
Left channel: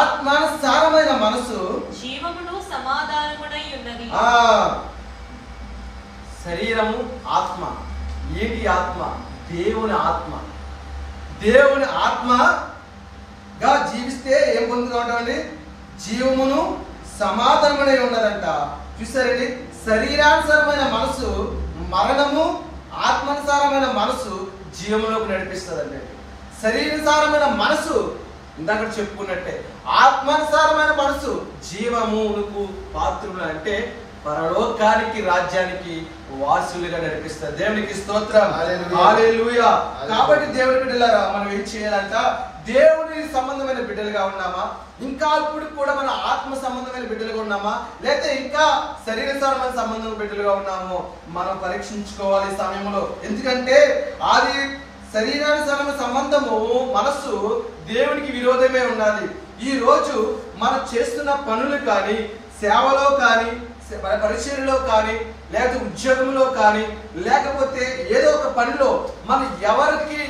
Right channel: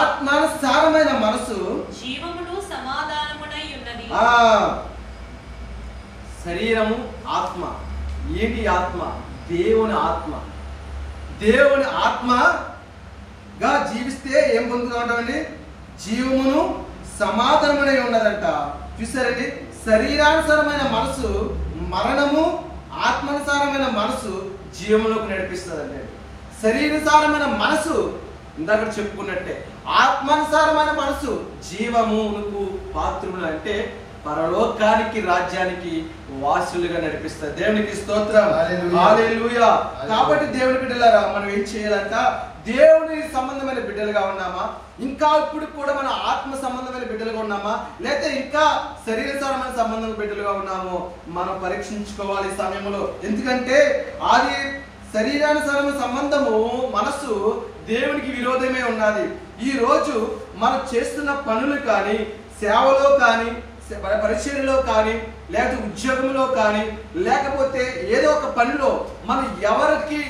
ఆత్మానుసారమైన మనసు జీవమును సమాధానమునై ఉన్నది. శరీరము ఆత్మ. ఏంటి ఆత్మ? దేవుని ఆత్మ. దేవుని ఆత్మగా జీవిస్తే ఏం పొందుతామండి? జీవమును సమాధానమై ఉన్నదంట. చూసారండి? శరీరానుసారమైన మనసు మరణము, ఆత్మానుసారమైన మనసు జీవములోకి నడిపిస్తుందండి. శరీరానుసారమైన మనసు ఇందాక చెప్పుకున్నట్టే, ఆత్మానుసారమైన మనసు జీవమునకు పాత్రులు, అంటే పరలోకానికి రాజ్యానికి వాసులుగా నడిపిస్తారు. దేవునికి స్తోత్రం, హల్లెలూయా. కాబట్టి దేవుని బిడ్డలారా మనం ఏం చేయాలంట? దేవుని సంబంధమైన బిడ్డలుగా ఉన్నామా? ఇంకా ఇప్పుడు కూడా మన ఆత్మ సంబంధమైన బిడ్డలుగా ఉన్నామా? లేకపోతే ఇంకా శరీరసారమైన సంబంధమైన బిడ్డలుగా ఉన్నామో మనం పరీక్షించుకోవాలి ఈ సమయంలో. ఎందుకంటే అది శరీరానుసారమైన సంబంధము మనసు దేవునికి విరోధమే ఉన్నది. ఈ రోజు మనం చేస్తున్న పనులు కానీ, సేవలో కానీ, పరిచర్యలో కానీ, లేకపోతే ఉద్యోగంలో కానీ, లేకపోతే ఏదో ఒక పనిలో మనం ఎవరికి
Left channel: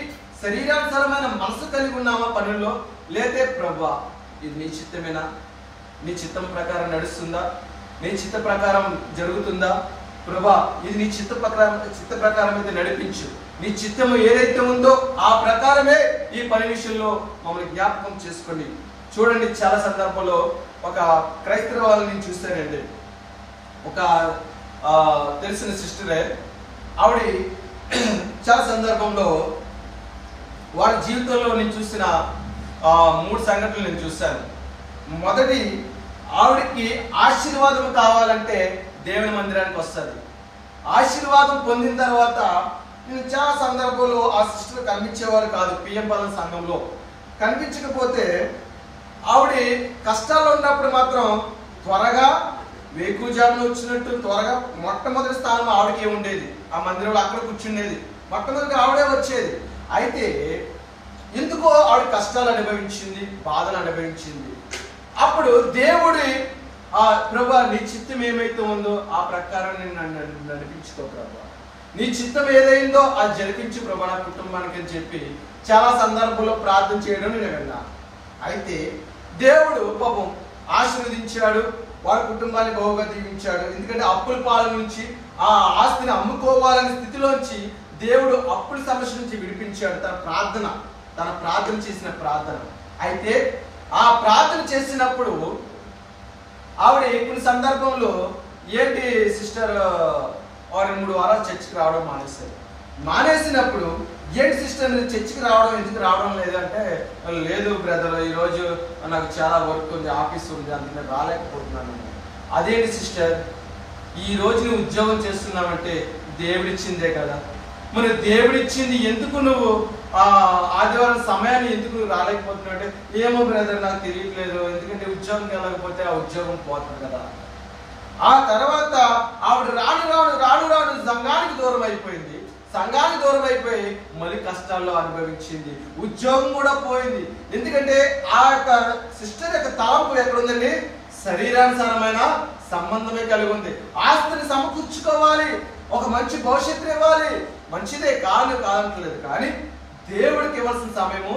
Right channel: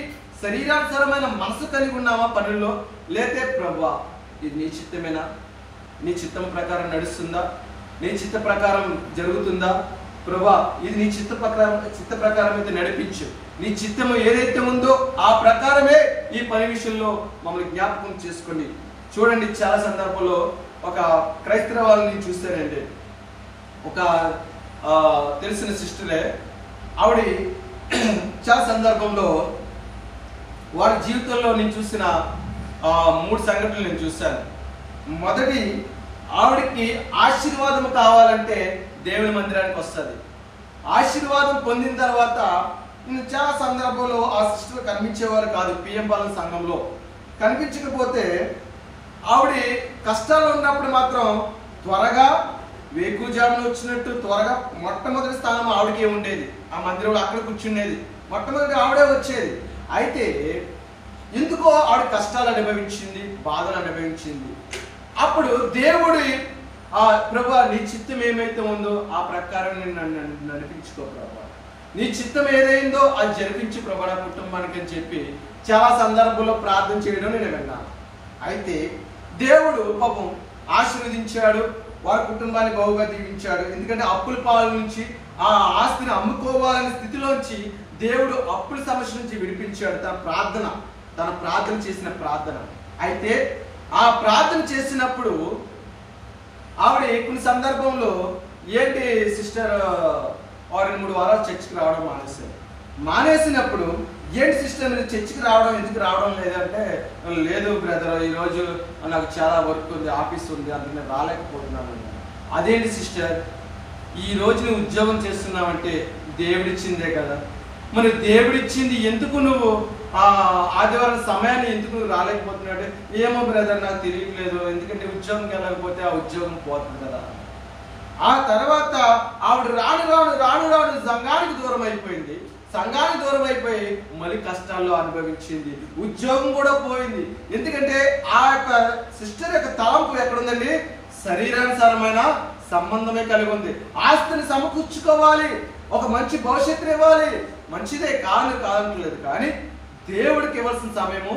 శరీరానుసారమైన మనసు కలిగి ఉన్నామా పనుల్లో? లేతే ప్రభువా ఇది నీ చిత్తమేనా? నీ చిత్తం ప్రకారం నడుస్తుందా? నీ చిత్త ప్రకారం జరుగుతుందా? ప్రభువా ఇది నీ చిత్త ప్రకారం అయితే నడిపించు. నీ చిత్తము ఏదైతే ఉందో ఆ ప్రకారమే ఈ పని విషయంలో మమ్మల్ని జ్ఞాపకం చేసుకోండి. చూడండి, చాలా సందర్భంలో ఒక క్రైస్తవ వాళ్ళని చూస్తానండి. ఒక తెలిసిన సిస్టరే, ఆవిడ చాలా సందర్భంలో వారి జీవితంలో నేను చూసిన 3 సంఘటనలు నేను చూశాను. మొదటి, ఆవిడకి ఆశీర్వాదం కావాలంటే దేవుని మందిరానికి వస్తుంది. ఆశీర్వాదం పొందిన తర్వాత నేను చాలా సందర్భంలో ఆ సిస్టర్ కనిపించేవారు కాదు. పిఎం పాలన సంఘంలో కనిపించకపోతే ఆవిడ కష్టాల్లో ఉన్నప్పుడు మాత్రం త్వరగా వేకుజామున వచ్చినట్టు త్వరగా మొట్టమొదటి స్థానం ఆవిడకే ఉండేది. ఆ మందిరంలో అక్కడ కూర్చుండేది. మొట్టమొదటి ఆవిడే వచ్చేది. అయితే ఎందుకో ఆవిడ కష్టాలు అనుభవించింది, బాధలు అనుభవించింది. అప్పుడు దేవుడి ప్రభువా నీ చిత్తం ఏమైతే ఉందో ఆ ప్రకారం నేను నడిపించుకో ప్రభువా, నీ చిత్తం ఏదైందో అది జరిపించు ప్రభా నా కుటుంబానికి అని చెప్పి చాలా సందర్భంలో ప్రార్థన చేయడం నేను విన్నాను. అయితే దేవుడు పాపం ఆశీర్వదించాడు, వారి కుటుంబాన్ని బహుగా దీవించాడు. ఎందుకంటే అప్పుల పాల నుంచి ఆ ఆస్తిని అమ్ముకోవాలనే స్థితిలోంచి దేవుడు అప్పుల సమస్య నుంచి విడిపించాడు. తన ప్రార్థన చేసిన ప్రార్థన. అయితే ఆ ప్రార్థన చేసినప్పుడు ఆవిడ కొన్ని సందర్భంలో ఏంటి సిస్టర్ 2-3 వారాలు చర్చికి రావడం మానేసినప్పుడు ఏంటి సిస్టర్ మీరు చర్చికి రావడం ఎందుకు రావడం లేదంటే, లేదు బ్రదర్ ఈరోజు నాకు చాలా వర్క్ ఉంది, ఆఫీస్ ఉంది, అందుకని రాలేకపోతున్నాను. అదేంటి సిస్టర్, ఈ రోజు నువ్వు ఉద్యోగం చేస్తున్నావంటే దేవుడిచ్చిందే కదా, మరి దేవుడిచ్చింది ఎందుకు నువ్వు ఆదివారం సమయాన్ని ఎందుకు రాలేకపోతున్నావు? ఏమో బ్రదర్ నాకు తెలియట్లేదు, ఎందుకంటే ఉద్యోగంకి వెళ్ళకపోతే ఆ ఉద్యోగం పోతుంది కదా. ఆ తర్వాత ఆవిడ రాను సంఘానికి దూరం అయిపోయింది. సంఘానికి దూరం అయిపోయి మళ్ళీ కష్టాల్లో అనుభవించింది. ఉద్యోగం కూడా పోయింది. ఎందుకంటే ఆ యొక్క సిస్టర్ యొక్క తలంపు ఎక్కడుందండి? శరీరానుసారమైన సంబంధమే కలిగి ఉంది. ఆస్తిని సమకూర్చుకోవాలి, ఒక మంచి భవిష్యత్తు ఇవ్వాలి, మంచిదే కాదంటలేదు. కానీ దేవుడికి ఇవ్వాల్సిన సమయము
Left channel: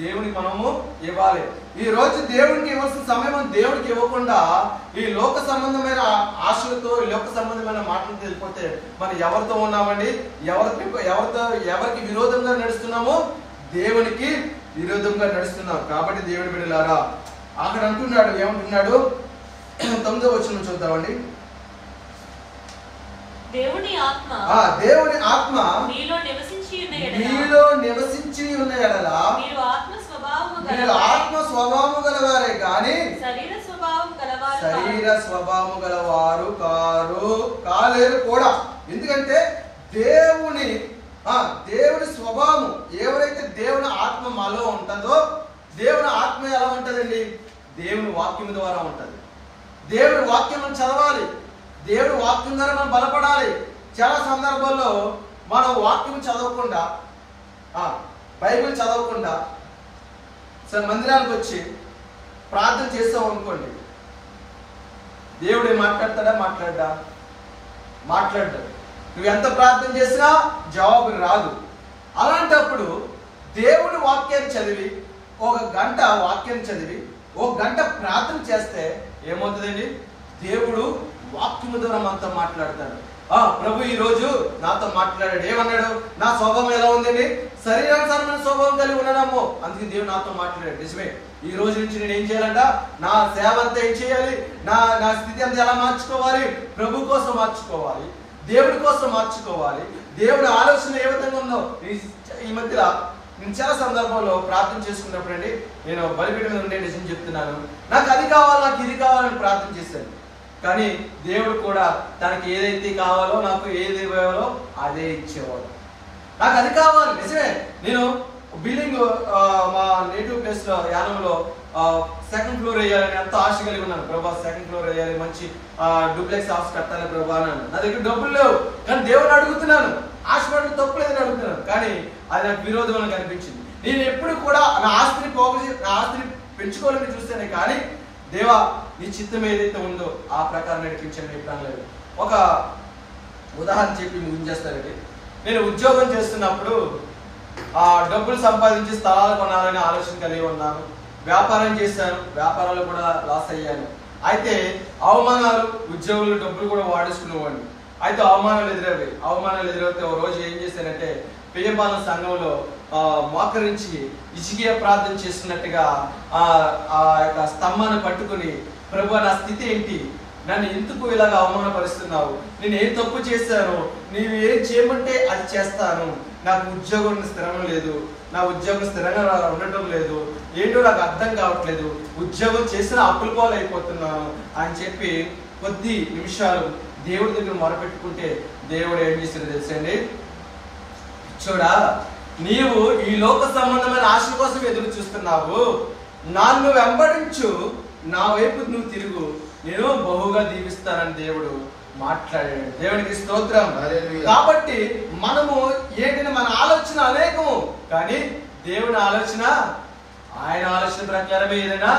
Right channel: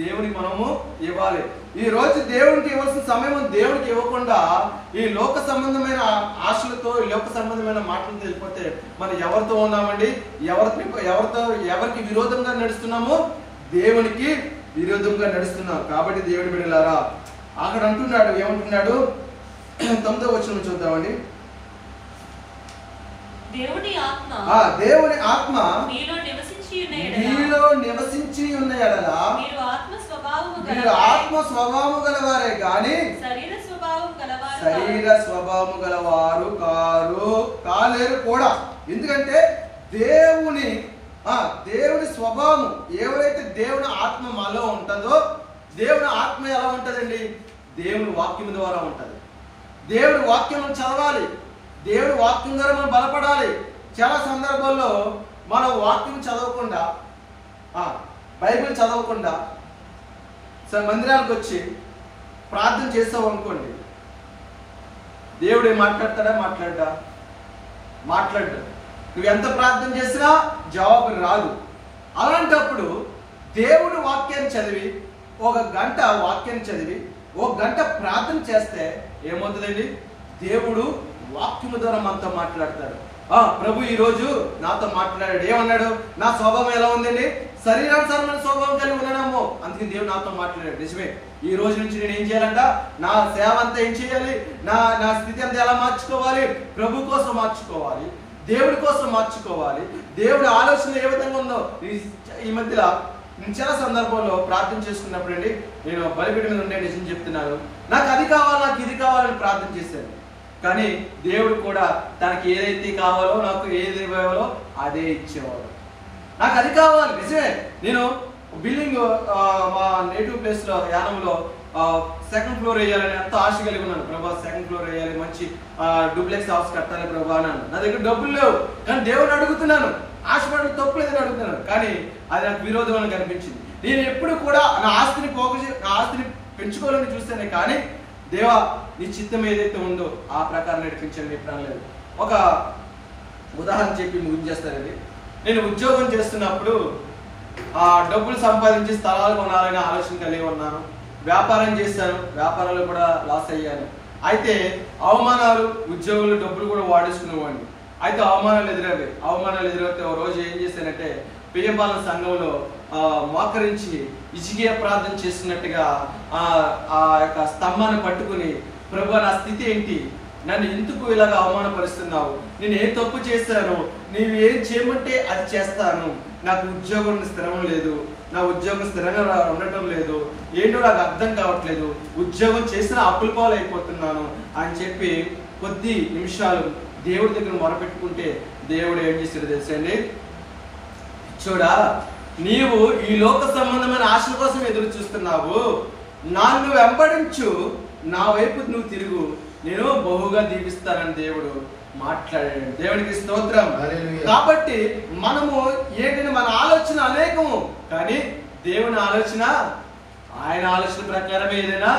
దేవునికి మనము ఇవ్వాలి. ఈ రోజు దేవుడికి ఇవ్వాల్సిన సమయం దేవుడికి ఇవ్వకుండా ఈ లోక సంబంధమైన ఆశలతో, ఈ లోక సంబంధమైన మాటలతో వెళ్ళిపోతే మనం ఎవరితో ఉన్నామండి? ఎవరికి విరోధంగా నడుస్తున్నాము? దేవునికి విరోధంగా నడుస్తున్నాం. కాబట్టి దేవుడి బిడ్డలారా అక్కడ అంటున్నాడు, ఏమంటున్నాడు? 9వ వచనం చూద్దామండి. దేవుని ఆత్మ మీలో నివసించి ఉన్న యెడల మీరు ఆత్మ స్వభావము గలవారే గాని శరీర స్వభావము గలవారు కాలేరు కూడా. ఎందుకంటే దేవుని స్వభావం, ఎవరైతే దేవుని ఆత్మ మాలో ఉంటుందో, దేవుని ఆత్మ ఎలా ఉంటుందండి? దేవుని వాక్యం ద్వారా ఉంటుంది. దేవుని వాక్యం చదవాలి, దేవుని వాక్యం ద్వారా మనం బలపడాలి. చాలా సందర్భాల్లో మనం వాక్యం చదవకుండా, బైబిల్ చదవకుండా మందిరానికి వచ్చి ప్రార్థన చేస్తాం అనుకోండి, దేవుడు మాట్లాడతాడా? మాట్లాడ్డా. నువ్వు ఎంత ప్రార్థన చేసినా జవాబు రాదు. అలాంటప్పుడు దేవుడు వాక్యాన్ని చదివి 1 గంట వాక్యాన్ని చదివి 1 గంట ప్రార్థన చేస్తే ఏమవుతుందండి? దేవుడు వాక్యం ద్వారా మనతో మాట్లాడతాడు. ప్రభు ఈ రోజు నాతో మాట్లాడాడు. ఏమన్నాడు? నా స్వభావం ఎలా ఉందండి? శరీరానుసారమైన స్వభావం కలిగి ఉన్నాము, అందుకని దేవుడు నాతో మాట్లాడాడు. నిజమే. ఈ రోజు నుంచి నేను ఏం చేయాలంట? నా సేవ అంతా ఏం చేయాలి? నా స్థితి అంతా ఎలా మార్చుకోవాలి? ప్రభు కోసం మార్చుకోవాలి, దేవుడి కోసం మార్చుకోవాలి. దేవుడి ఆలోచన ఏ విధంగా ఉందో ఈ మధ్య నేను చాలా సందర్భంలో ప్రార్థన చేసుకున్నప్పుడు అండి, నేను బలిపీఠం మీద ఉండే నిజం చెప్తున్నాను, నాకు అది కావాలి, నాకు ఇది కావాలని ప్రార్థన చేశాను. కానీ దేవుడు కూడా తనకి ఏదైతే కావాలో, నాకు ఏది ఇవ్వాలో అదే ఇచ్చేవాడు. నాకు అది కావాలి. నిజమే. నేను బిల్డింగ్ మా నేటివ్ ప్లేస్ లో యానంలో 2nd ఫ్లోర్ వేయాలని ఎంతో ఆశ కలిగి ఉన్నాను. ప్రభా 2nd ఫ్లోర్ వేయాలి, మంచి డూప్లెక్స్ హౌస్ కట్టాలి ప్రభా అన్నాను. నా దగ్గర డబ్బులు లేవు, కానీ దేవుడిని అడుగుతున్నాను. ఆశపడడం తప్పు లేదని అడుగుతున్నాను, కానీ అది నాకు విరోధం కనిపించింది. నేను ఎప్పుడు కూడా నా ఆస్తిని పెంచుకోవాలని చూస్తానే, కానీ దేవా నీ చిత్తం ఏదైతే ఉందో ఆ ప్రకారం నడిపించండి ఎప్పుడు లేదు. ఒక ఉదాహరణ చెప్పి ముగించేస్తానండి. నేను ఉద్యోగం చేస్తున్నప్పుడు డబ్బులు సంపాదించి స్థలాలు కొనాలనే ఆలోచన కలిగి ఉన్నాను. వ్యాపారం చేశాను, వ్యాపారంలో కూడా లాస్ అయ్యాను. అయితే అవమానాలు, ఉద్యోగులు డబ్బులు కూడా వాడేసుకునేవాడిని. అయితే అవమానాలు ఎదురైతే ఓ రోజు ఏం చేశానంటే, పిఎంపాలెం సంఘంలో మోకరించి ఇజిగియా ప్రార్థన చేస్తున్నట్టుగా ఆ యొక్క స్తంభాన్ని పట్టుకుని, ప్రభు నా స్థితి ఏంటి? నన్ను ఎందుకు ఇలాగ అవమానపరుస్తున్నావు? నేను ఏం తప్పు చేశాను? నీవు ఏం చేయమంటే అది చేస్తాను. నాకు ఉద్యోగం స్థిరం లేదు, నా ఉద్యోగం స్థిరంగా ఉండటం లేదు, ఏంటో నాకు అర్థం కావట్లేదు, ఉద్యోగం చేసిన అప్పుల పాలు అయిపోతున్నాను అని చెప్పి కొద్ది నిమిషాలు దేవుడి దగ్గర మొరపెట్టుకుంటే దేవుడు ఏం చేశాడు తెలుసండి? చూడా, నీవు ఈ లోక సంబంధమైన ఆశల కోసం ఎదురు చూస్తున్నావు, నన్ను వెంబడించు, నా వైపు నువ్వు తిరుగు, నేను బహుగా దీవిస్తానని దేవుడు మాట్లాడాడు. దేవునికి స్తోత్రం. కాబట్టి మనము ఏంటంటే మన ఆలోచన అనేకము, కానీ దేవుని ఆలోచన ఆయన ఆలోచన ప్రకారమే ఏదైనా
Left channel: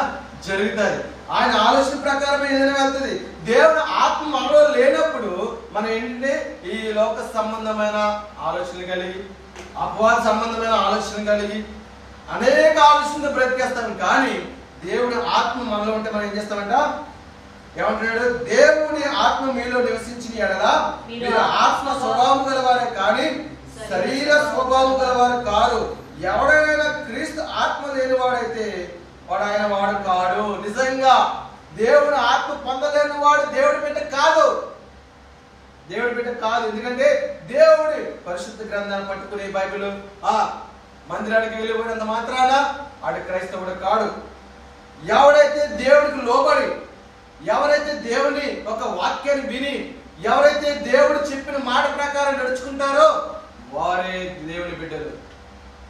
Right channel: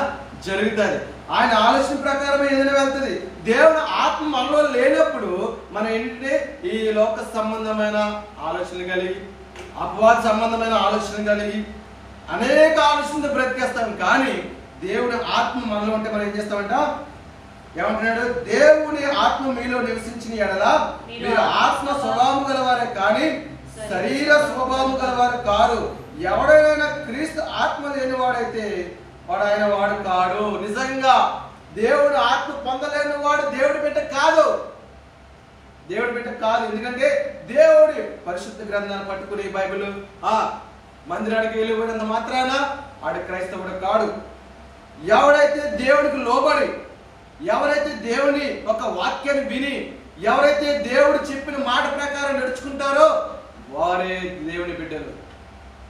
జరుగుతుంది, ఆయన ఆలోచన ప్రకారమే ఏదైనా వెళ్తుంది. దేవుని ఆత్మ మనలో లేనప్పుడు మనం ఏంటంటే ఈ లోక సంబంధమైన ఆలోచనలు కలిగి, అపవాద సంబంధమైన ఆలోచన కలిగి అనేక ఆలోచనలు బ్రతికేస్తాం. కానీ దేవుని ఆత్మ మనలో ఉంటే మనం ఏం చేస్తామంట? ఏమంటున్నాడు? దేవుని ఆత్మ మీలో నివసించిన ఎడల మీరు ఆత్మ స్వభావం గలవారే కానీ శరీర స్వభావం గలవారు కారు. ఎవడైనా క్రీస్తు ఆత్మ లేని వాడైతే వాడు కాడు. నిజంగా దేవుని ఆత్మ పొందలేని వాడు దేవుడి బిడ్డ కాదు. దేవుడి బిడ్డ కాదు. ఎందుకంటే దేవుడి పరిశుద్ధ గ్రంథాన్ని పట్టుకునే బైబిల్ మందిరానికి వెళ్ళిపోయినంత మాత్రాన ఆడు క్రైస్తవుడు కాడు. ఎవరైతే దేవుడికి లోబడి, ఎవరైతే దేవుని ఒక వాక్యాన్ని విని, ఎవరైతే దేవుడు చెప్పిన మాట ప్రకారం నడుచుకుంటారో వారే దేవుని బిడ్డలు.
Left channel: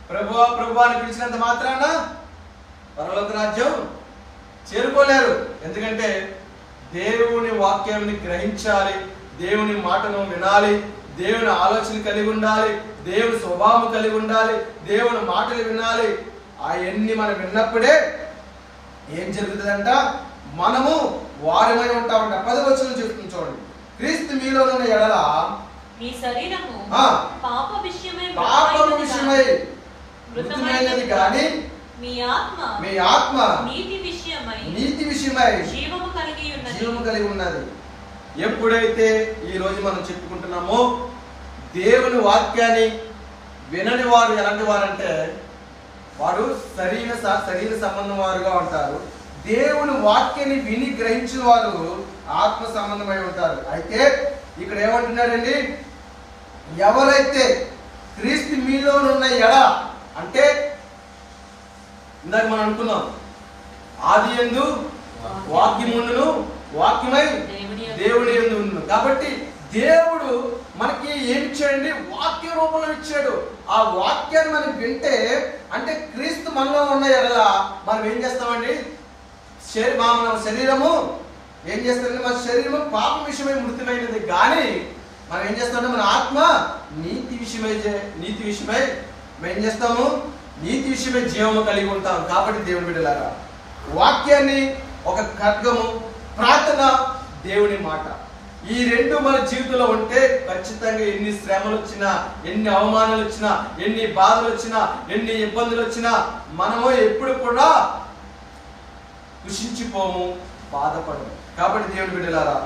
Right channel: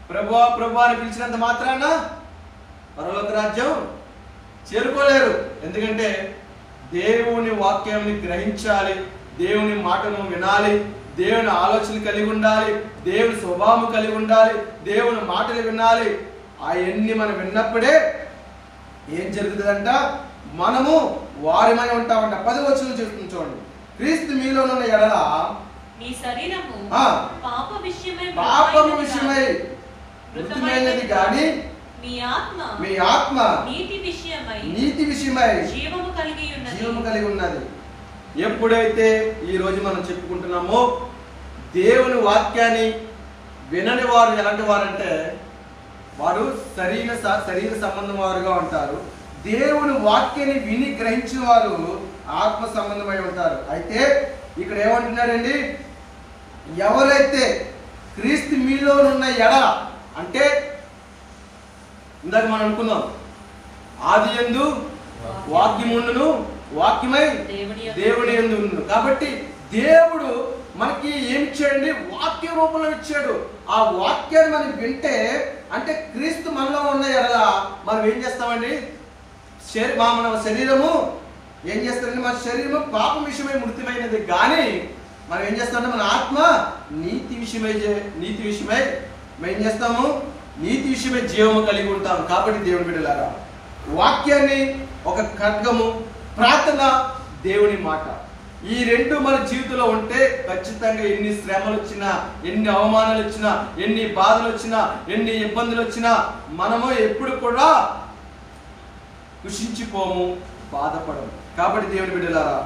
ప్రభువా ప్రభువా అని పిలిచినంత మాత్రాన పరలోక రాజ్యం చేరుకోలేరు. ఎందుకంటే దేవుని వాక్యాన్ని గ్రహించాలి, దేవుని మాటను వినాలి, దేవుని ఆలోచన కలిగి ఉండాలి, దేవుని స్వభావం కలిగి ఉండాలి, దేవుని మాటలు వినాలి. అవన్నీ మనం విన్నప్పుడే ఏం జరుగుతుందంట? మనము వారిమై ఉంటామంట. 10వ వచనం చెప్తుంది చూడండి. క్రీస్తు మీలోనున్న ఎడల మీ శరీరము పాపము విషయమై మృతమైనది కానీ మీ ఆత్మ నీతి విషయమై జీవము కలిగి ఉన్నది. ఎప్పుడైతే ఈ రోజు మనం చెప్పుకుంటున్నామో దేవుని వాక్యాన్ని వినని వారు ఎలాంటి వారంటే వారు శరీర సంబంధం వారుగా ఉంటారు. దేవుని వాక్యాన్ని విని గ్రహించిన వారు ఆత్మ సంబంధమై ఉంటారు. అయితే ఇక్కడ ఏమంటున్నాడండి? ఎవరైతే క్రీస్తు మీలోనున్న ఎడ అంటే ఇందాక మనం అనుకున్నాం, ఆది యందు వాక్యముండును, వాక్యమై దేవుని యందు ఉండును. కాబట్టి దేవుడు మనకి ఏమి ఇచ్చాడండి? వాక్య రూపంలో ఇచ్చాడు. ఆ వాక్యాన్ని మనం వింటే అంటే క్రీస్తు మనలో ఉన్న ఎడల మనం ఏం చేస్తామండి? మన శరీరము ఏం చేస్తామండి? మన శరీరము పాపం విషయమై మృతమైనది కానీ మనం ఏం చేస్తామంటే మన ఆత్మ నీతి విషయమై మేము ఏం చేస్తాము? నీతి విషయమై జీవము కలిగి ఉంటాం. కాబట్టి దేవుని బిడ్డలారా వాక్యాన్ని ఒక ఖడ్గము, ప్రార్థన, దేవుని మాట, ఈ రెండు మన జీవితంలో ఉంటే ఖచ్చితంగా ఎన్ని శ్రమలు వచ్చినా, ఎన్ని అవమానాలు వచ్చినా, ఎన్ని బాధలు వచ్చినా, ఎన్ని ఇబ్బందులు వచ్చినా మనము ఎప్పుడు కూడా కృషించిపోము, బాధపడము. కాబట్టి దేవుని బిడ్డలారా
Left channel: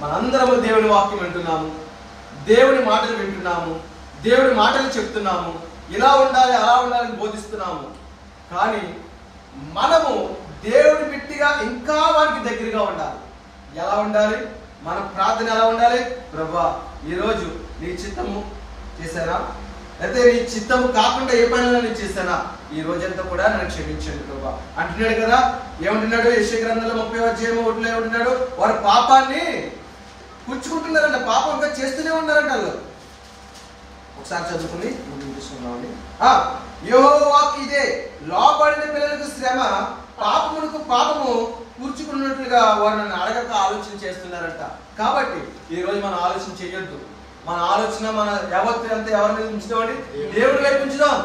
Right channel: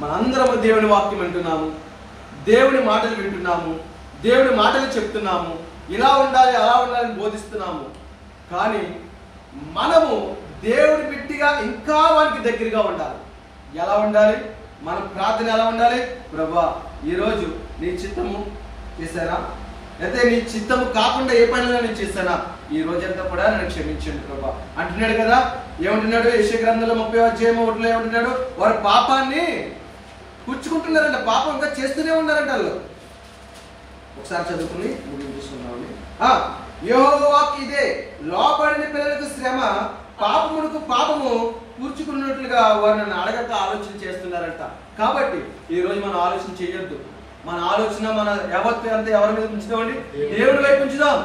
మనందరము దేవుని వాక్యం వింటున్నాము, దేవుని మాటలు వింటున్నాము, దేవుని మాటలు చెప్తున్నాము, ఇలా ఉండాలి అలా ఉండాలని బోధిస్తున్నాము. కానీ మనము దేవుని బిడ్డగా ఇంకా వారికి దగ్గరగా ఉండాలి. ఎలా ఉండాలి? మన ప్రార్థన ఎలా ఉండాలి? ప్రభువా ఈరోజు నీ చిత్తము చేశానా, అయితే నీ చిత్తము కాకుండా ఏ పనులు నేను చేశానా, ఈ రోజంతా కూడా నన్ను క్షమించండి ప్రభువా అంటున్నాడు కదా. ఏమంటున్నాడు? యెషయా గ్రంథంలో 30వ ఏమంటున్నాడు? వారి పాపాన్ని కూర్చుకుంటున్నారంట, పాపం ఇంకా చేస్తూనే ఉన్నారంట వాళ్ళు. ఒకసారి చదువుకుని ముందుకు తీసుకున్నామండి. యెహోవా వాక్కు ఇదే, లోబడిన పిల్లలకు శ్రమ, పాపమునకు పాపము కూర్చుకున్నట్లుగా వారు నన్ను అడగక ఆలోచన చేస్తున్నారంట. కాబట్టి ఈ రోజు మనం ఆలోచన చేయొద్దు. మన ఆలోచన మన యావత్తు అంతా ఎవరి మీద ఉంచుదామండి? దేవుడి వైపు ఉంచుదాం.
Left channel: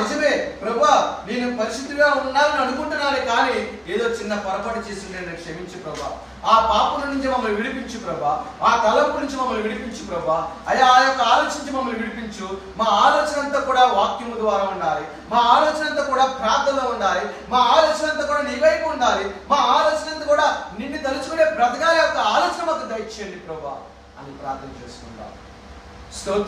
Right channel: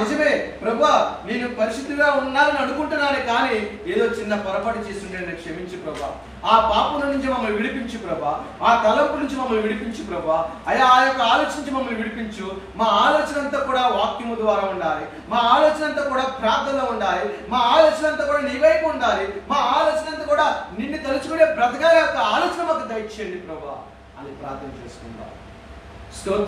నిజమే ప్రభువా నేను పరిశుద్ధిగా ఉన్నానని అనుకుంటున్నాను, కానీ ఏదో చిన్న పొరపాటు చేస్తుంటే నేను క్షమించు ప్రభా, ఆ పాపం నుంచి మమ్మల్ని విడిపించు ప్రభా, ఆ తలంపు నుంచి మమ్మల్ని విడిపించు ప్రభా, ఆ యొక్క ఆలోచన నుంచి మమ్మల్ని విడిపించు. మా ఆలోచన అంతా కూడా వాక్యము ద్వారా ఉండాలి, మా ఆలోచన అంతా కూడా ప్రార్థనలో ఉండాలి, మా ఆలోచన అంతా కూడా నీ వైపు ఉండాలి, మా ఆలోచన అంతా కూడా నిన్ను తలుచుకునే బ్రతకాల యొక్క ఆలోచన మాకు దయచేయండి ప్రభా అని ప్రార్థన చేసుకుందాం. స్తోత్రం.